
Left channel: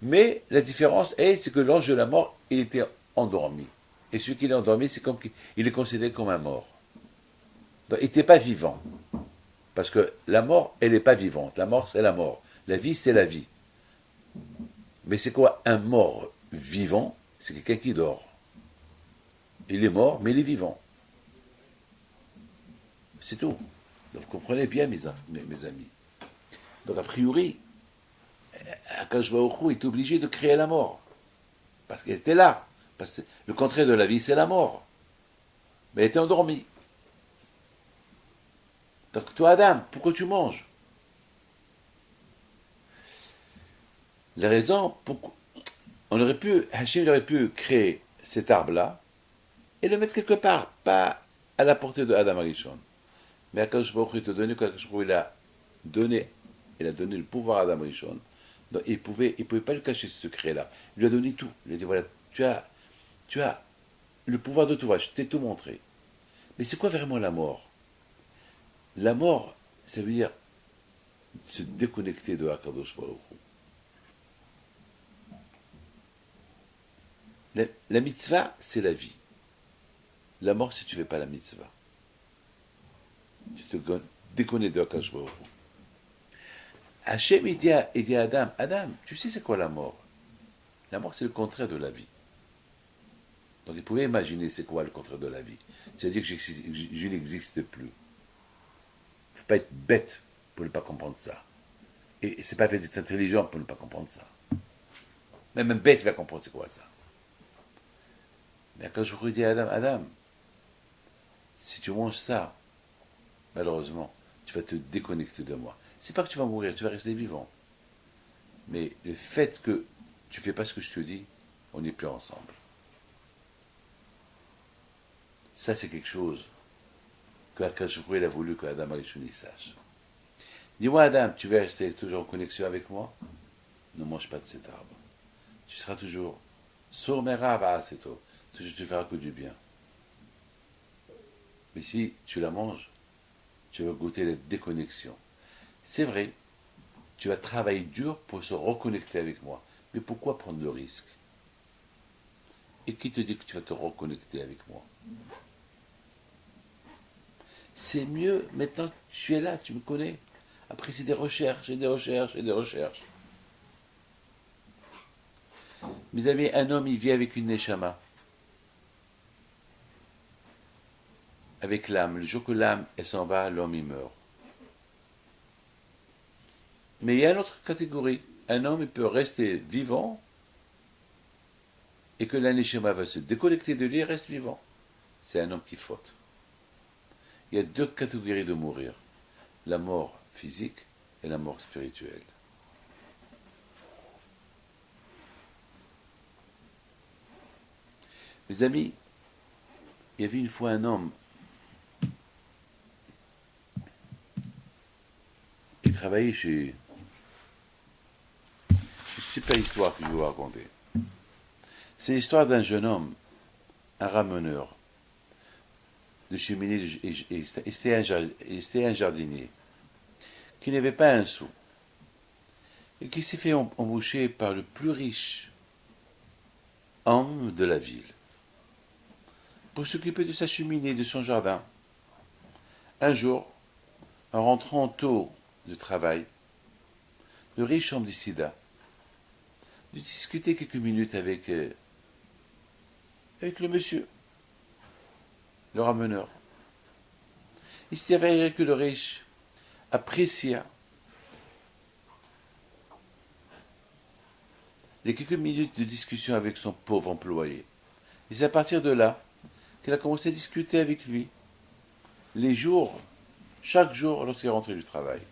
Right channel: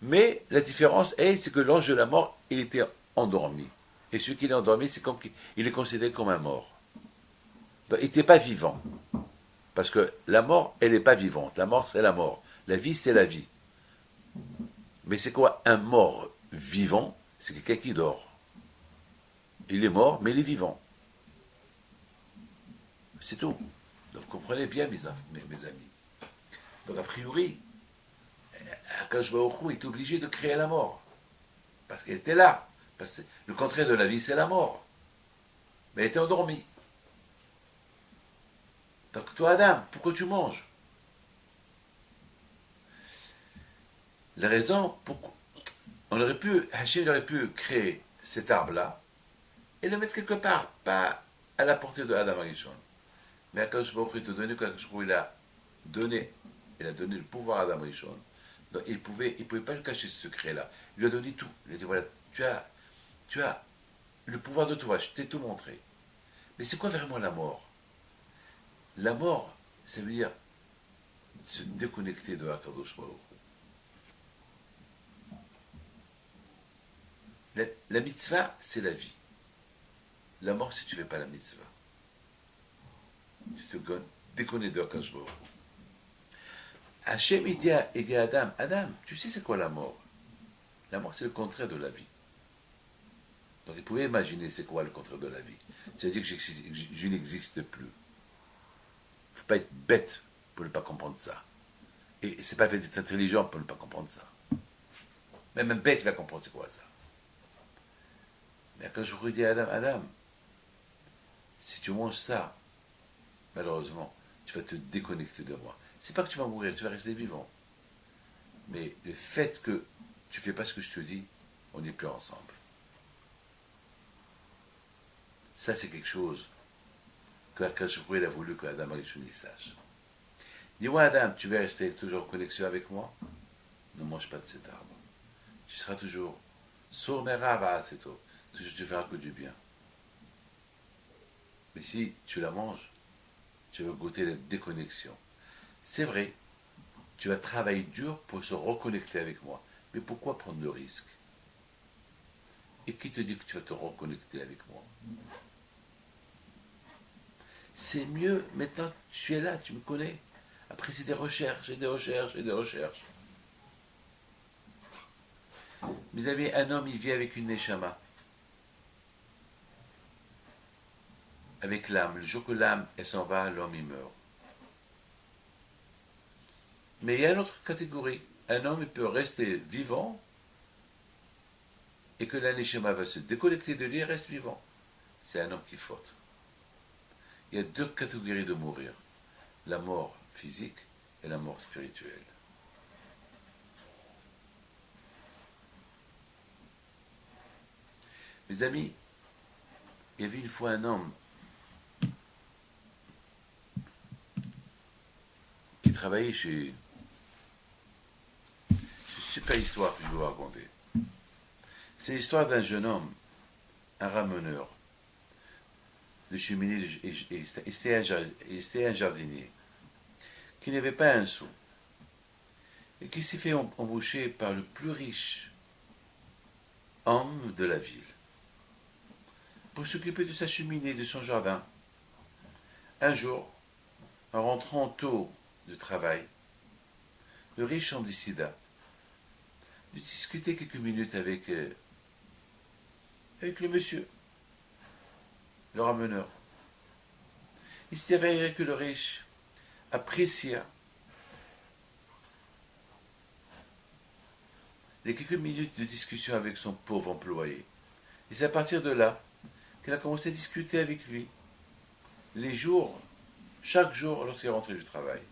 Mais la différence c'est que l'ange de la mort, il était endormi. Et celui qui est endormi, c'est comme il est considéré comme un mort. Donc, il n'était pas vivant. Parce que la mort, elle n'est pas vivante. La mort, c'est la mort. La vie, c'est la vie. Mais c'est quoi un mort vivant? C'est quelqu'un qui dort. Il est mort, mais il est vivant. C'est tout. Donc vous comprenez bien, mes amis. Donc a priori, Akadosh Baruch Hu est obligé de créer la mort. Parce qu'elle était là. Parce que le contraire de la vie, c'est la mort. Mais elle était endormie. Donc toi, Adam, pourquoi tu manges? La raison, pourquoi Hachem aurait pu créer cet arbre-là et le mettre quelque part, pas à la portée de Adam Arishon. Mais Akadosh Baruch Hu te donné, il a donné le pouvoir à Adam Arishon. Donc il pouvait pas lui cacher ce secret-là. Il lui a donné tout. Il a dit voilà, tu as le pouvoir de tout. Je t'ai tout montré. Mais c'est quoi vraiment la mort? La mort, ça veut dire se déconnecter de Akadosh Baruch Hu. La mitzvah, c'est la vie. La mort, si tu ne fais pas la mitzvah. Tu te déconnectes de Akadosh Baruch Hu. Hachem, il dit à Adam, Adam, tu sais c'est quoi la mort? La mort, c'est le contraire de la vie. Donc il pouvait imaginer c'est quoi le contraire de la vie. C'est-à-dire que je n'existe plus. Il ne faut pas être bête pour ne pas comprendre ça. Et c'est pas être intelligent pour ne pas comprendre ça. Même un bête va comprendre c'est quoi ça. Mais quand je vous dis à Adam, si tu manges ça, malheureusement, tu vas te déconnecter de moi. C'est pas que tu vas mourir, tu vas rester vivant. Mais le fait que tu fais pas ce que je te dis, on n'est plus ensemble. Ça, c'est quelque chose que Akadosh Baruch Hu a voulu que Adam Arishon sache. Dis-moi, Adam, tu veux rester toujours en connexion avec moi? Ne mange pas de cet arbre. Tu seras toujours sourd mais rava, c'est tout. Toujours tu feras que du bien. Mais si tu la manges, tu vas goûter la déconnexion. C'est vrai, tu vas travailler dur pour se reconnecter avec moi. Mais pourquoi prendre le risque? Et qui te dit que tu vas te reconnecter avec moi? C'est mieux, maintenant tu es là, tu me connais. Après c'est des recherches, et des recherches, et des recherches. Mes amis, un homme, il vit avec une neshama. Avec l'âme. Le jour que l'âme, elle s'en va, l'homme, il meurt. Mais il y a une autre catégorie. Un homme, il peut rester vivant et que la neshama va se déconnecter de lui et reste vivant. C'est un homme qui faute. Il y a deux catégories de mourir. La mort physique et la mort spirituelle. Mes amis, il y avait une fois un homme qui travaillait chez... C'est pas l'histoire que je vais vous raconter. C'est l'histoire d'un jeune homme, un rameneur de cheminée, et c'était un jardinier, qui n'avait pas un sou, et qui s'est fait embaucher par le plus riche homme de la ville. pour s'occuper de sa cheminée, de son jardin. Un jour, en rentrant tôt de travail, le riche homme décida de discuter quelques minutes avec le monsieur, le rameneur. Il s'est avéré que le riche apprécia les quelques minutes de discussion avec son pauvre employé. Et c'est à partir de là qu'elle a commencé à discuter avec lui, chaque jour lorsqu'il rentrait du travail.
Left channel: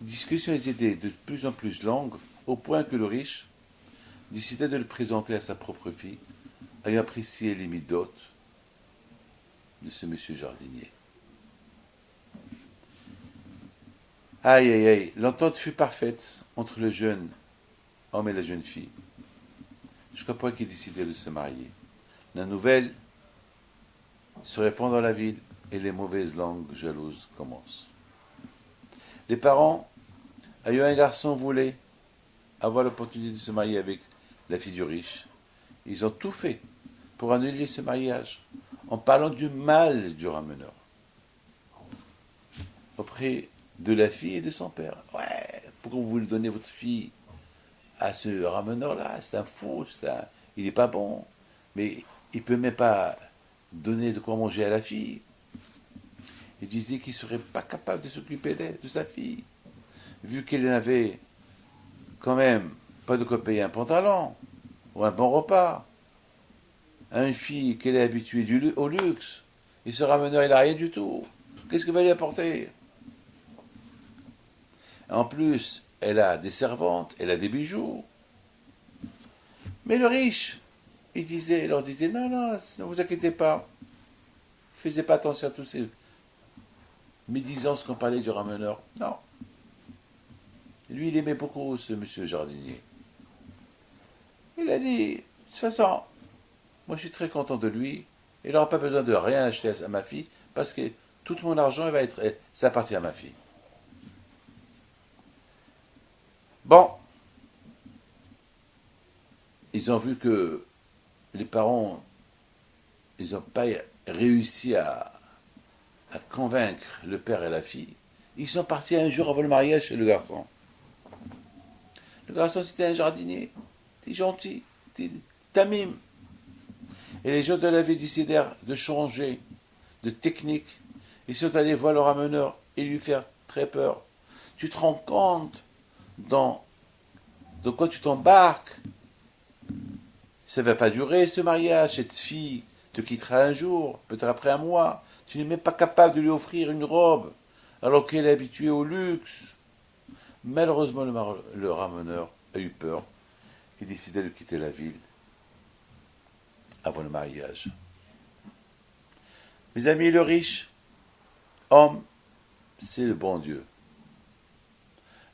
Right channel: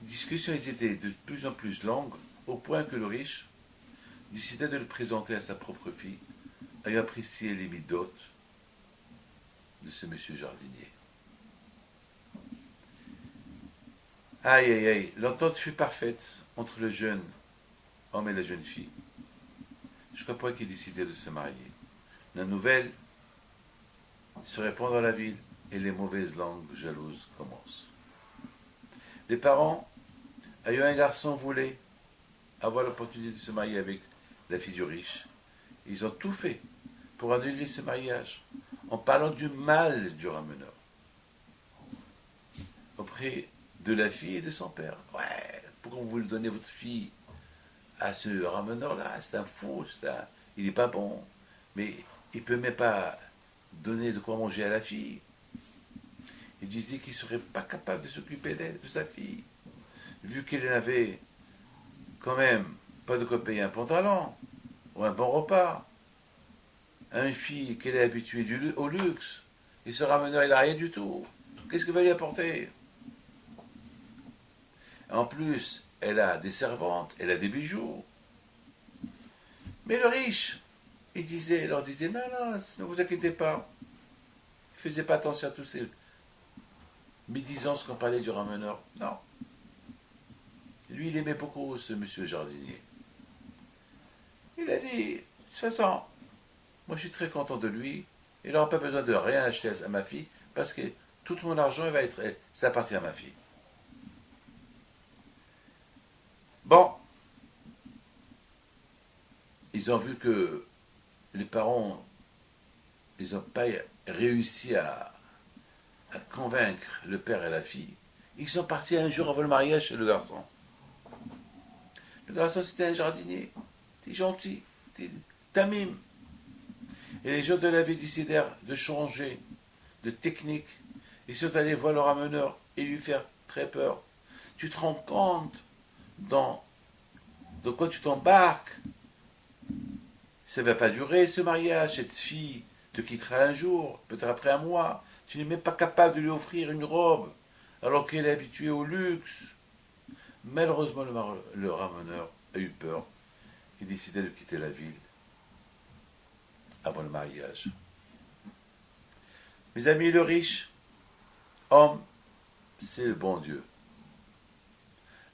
Les discussions étaient de plus en plus longues, au point que le riche décida de le présenter à sa propre fille, ayant apprécié les midotes de ce monsieur jardinier. Aïe, aïe, aïe, l'entente fut parfaite entre le jeune homme et la jeune fille, jusqu'au point qu'ils décidèrent de se marier. La nouvelle se répand dans la ville et les mauvaises langues jalouses commencent. Les parents, ayant un garçon, voulaient avoir l'opportunité de se marier avec la fille du riche. Ils ont tout fait pour annuler ce mariage, en parlant du mal du rameneur auprès de la fille et de son père. Ouais, pourquoi vous voulez donner votre fille à ce rameneur-là? C'est un fou, il n'est pas bon. Mais il ne peut même pas donner de quoi manger à la fille. Il disait qu'il ne serait pas capable de s'occuper d'elle, de sa fille, vu qu'il n'avait quand même pas de quoi payer un pantalon ou un bon repas. Une fille qu'elle est habituée au luxe, et ce rameneur, il n'a rien du tout. Qu'est-ce qu'il va lui apporter? En plus, elle a des servantes, elle a des bijoux. Mais le riche, il leur disait, non, ne vous inquiétez pas. Il ne faisait pas attention à tous ces médisances qu'on parlait du rameneur. Non. Lui, il aimait beaucoup ce monsieur jardinier. Il a dit, de toute façon, moi je suis très content de lui. Il n'aura pas besoin de rien acheter à ma fille, parce que tout mon argent, ça appartient à ma fille. Bon, ils ont vu que les parents, ils n'ont pas réussi à convaincre le père et la fille. Ils sont partis un jour avant le mariage chez le garçon. Le garçon, c'était un jardinier. T'es gentil, t'es mime. Et les gens de la ville décidèrent de changer de technique. Ils sont allés voir le rameneur et lui faire très peur. Tu te rends compte dans quoi tu t'embarques? Ça ne va pas durer ce mariage. Cette fille te quittera un jour, peut-être après un mois. Tu n'es même pas capable de lui offrir une robe, alors qu'elle est habituée au luxe. Malheureusement, le rameneur a eu peur. Il décida de quitter la ville avant le mariage. Mes amis, le riche homme, c'est le bon Dieu.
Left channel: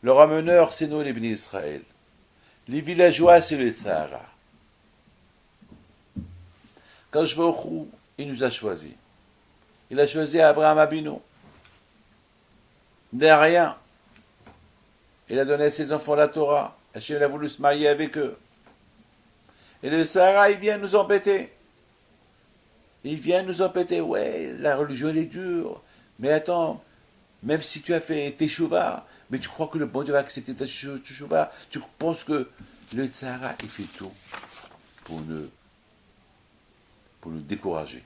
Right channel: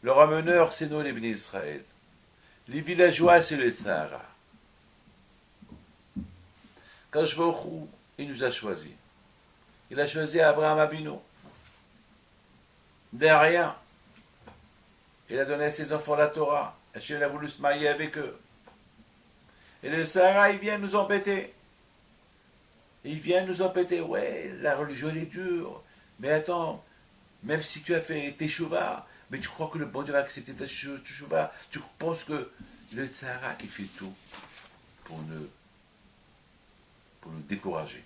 Le rameneur, c'est nous les bénis d'Israël. Les villageois, c'est le Sahara. Quand je vais au Chou, il nous a choisis. Il a choisi Abraham Abinu. De rien. Il a donné à ses enfants la Torah. Hachem a voulu se marier avec eux. Et le Sahara, il vient nous embêter. Il vient nous embêter. Ouais, la religion, elle est dure. Mais attends, même si tu as fait tes chouvas, mais tu crois que le bon Dieu va accepter tes chouvas, tu penses que le Sahara, il fait tout pour nous décourager.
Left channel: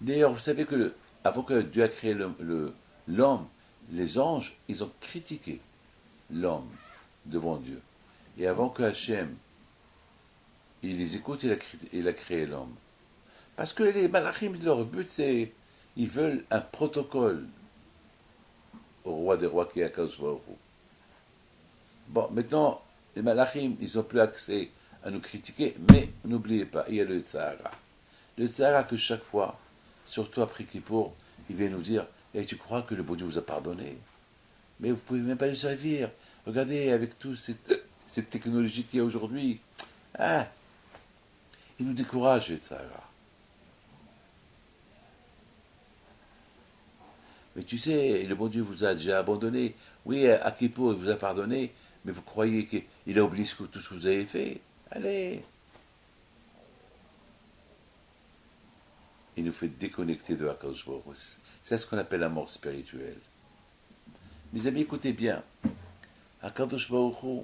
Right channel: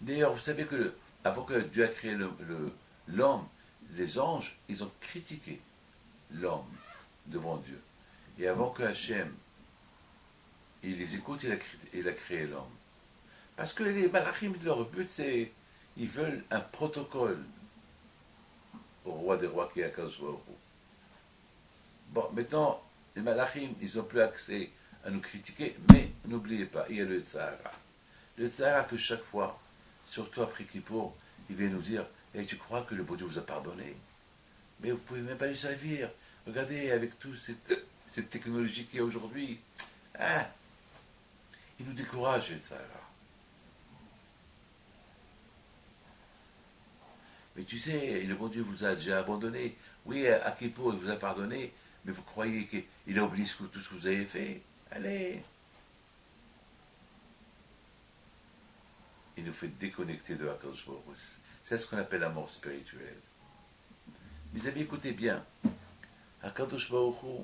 D'ailleurs, vous savez que avant que Dieu a créé l'homme, les anges, ils ont critiqué l'homme devant Dieu. Et avant que Hachem, il les écoute, il a créé l'homme. Parce que les malachim, leur but, c'est, ils veulent un protocole au roi des rois qui est Akadosh Baruch Hu. Bon, maintenant, les malachim, ils n'ont plus accès à nous critiquer, mais n'oubliez pas, il y a le Tzahara. Le Tzahara que chaque fois, surtout après Kippour, il vient nous dire, hey, tu crois que le bon Dieu vous a pardonné? Mais vous ne pouvez même pas lui servir. Regardez, avec toute cette technologie qu'il y a aujourd'hui, il nous décourage, le Tzahara. Mais tu sais, le bon Dieu vous a déjà abandonné. Oui, à Kippour, il vous a pardonné, mais vous croyez qu'il a oublié tout ce que vous avez fait? Allez. il nous fait déconnecter de Akadosh Baruch Hu. C'est ce qu'on appelle la mort spirituelle. Mes amis, écoutez bien. Akadosh Baruch Hu,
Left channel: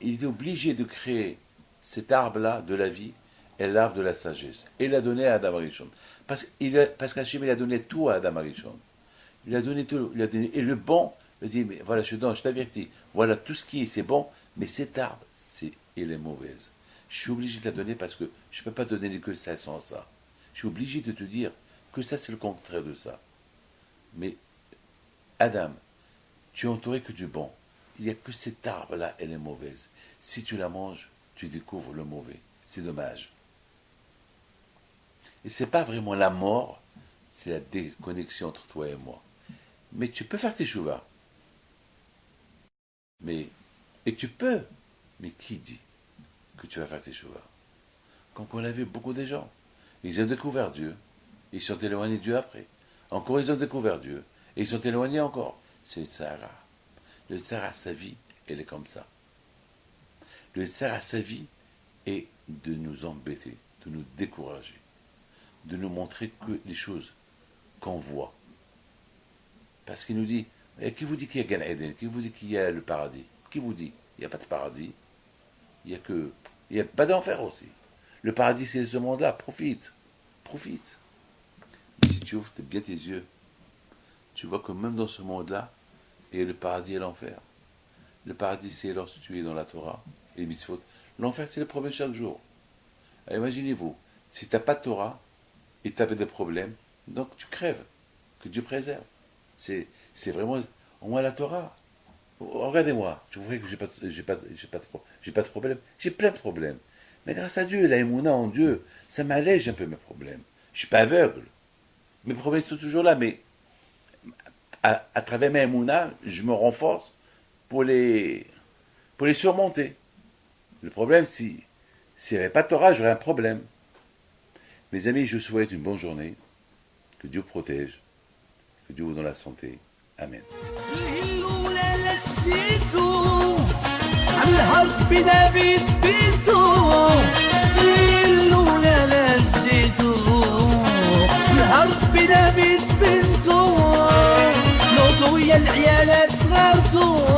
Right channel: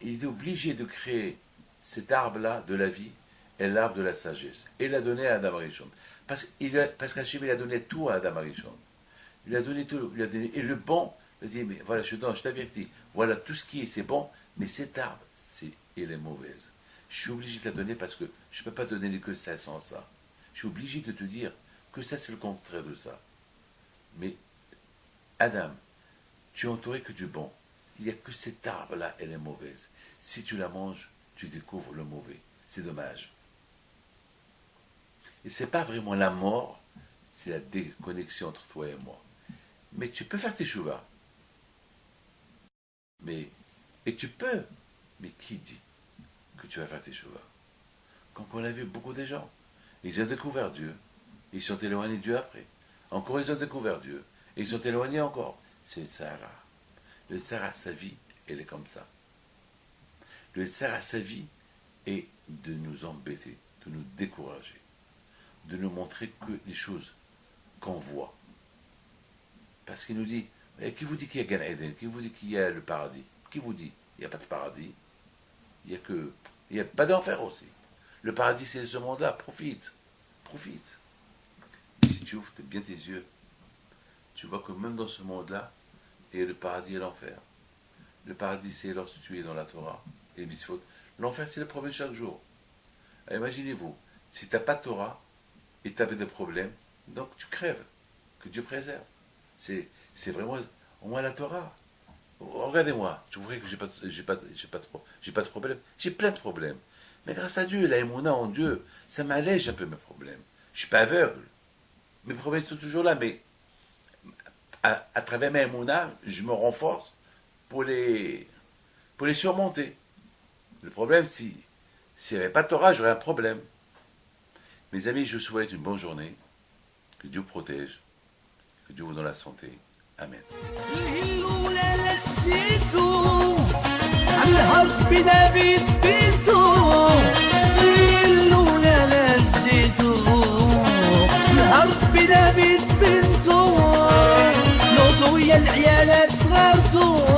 il est obligé de créer cet arbre-là de la vie et l'arbre de la sagesse. Et il l'a donné à Adam Arishon. Parce qu'Hachem, il a donné tout à Adam Arishon. Il a donné tout. Et le bon, il a dit, mais voilà, je t'avertis, voilà tout ce qui est, c'est bon, mais cet arbre, il est mauvaise. Je suis obligé de la donner parce que je ne peux pas te donner que ça sans ça. Je suis obligé de te dire que ça, c'est le contraire de ça. Mais, Adam, tu es entouré que du bon. Il n'y a que cet arbre-là, elle est mauvaise. Si tu la manges, tu découvres le mauvais. C'est dommage. Et ce n'est pas vraiment la mort, c'est la déconnexion entre toi et moi. Mais tu peux faire tes chouvas. Et tu peux. Mais qui dit que tu vas faire tes chouvas? Comme on l'a vu, beaucoup de gens, ils ont découvert Dieu, ils sont éloignés de Dieu après. Encore, ils ont découvert Dieu, et ils sont éloignés encore. C'est le Sahara. Le Sahara, sa vie, elle est comme ça. Le Sahara, sa vie, est de nous embêter, de nous décourager, de nous montrer que les choses qu'on voit. Parce qu'il nous dit, qui vous dit qu'il y a Gan Eden? Qui vous dit qu'il y a le paradis? Qui vous dit? Il n'y a pas de paradis. Il n'y a pas d'enfer aussi. Le paradis, c'est ce monde-là. Profite. Profite. Mais si tu ouvres bien tes yeux, tu vois que même dans ce monde-là, il y a le paradis et l'enfer. Le paradis, c'est lorsque tu es dans la Torah et les mitzvot. L'enfer, c'est le problème chaque jour. Alors, imaginez-vous, si tu n'as pas de Torah et tu as des problèmes, donc tu crèves. Que Dieu préserve. C'est vraiment, au moins la Torah. Regardez-moi, tu vois que j'ai pas de problème. J'ai plein de problèmes. Mais grâce à Dieu, la émouna en Dieu, ça m'allège un peu mes problèmes. Je suis pas aveugle. Mes problèmes sont toujours là, mais à travers ma émouna, je me renforce pour les surmonter. Le problème, si il n'y avait pas de Torah, j'aurais un problème. Mes amis, je vous souhaite une bonne journée. Que Dieu protège. Que Dieu vous donne la santé. Amen. العيالات صغرتو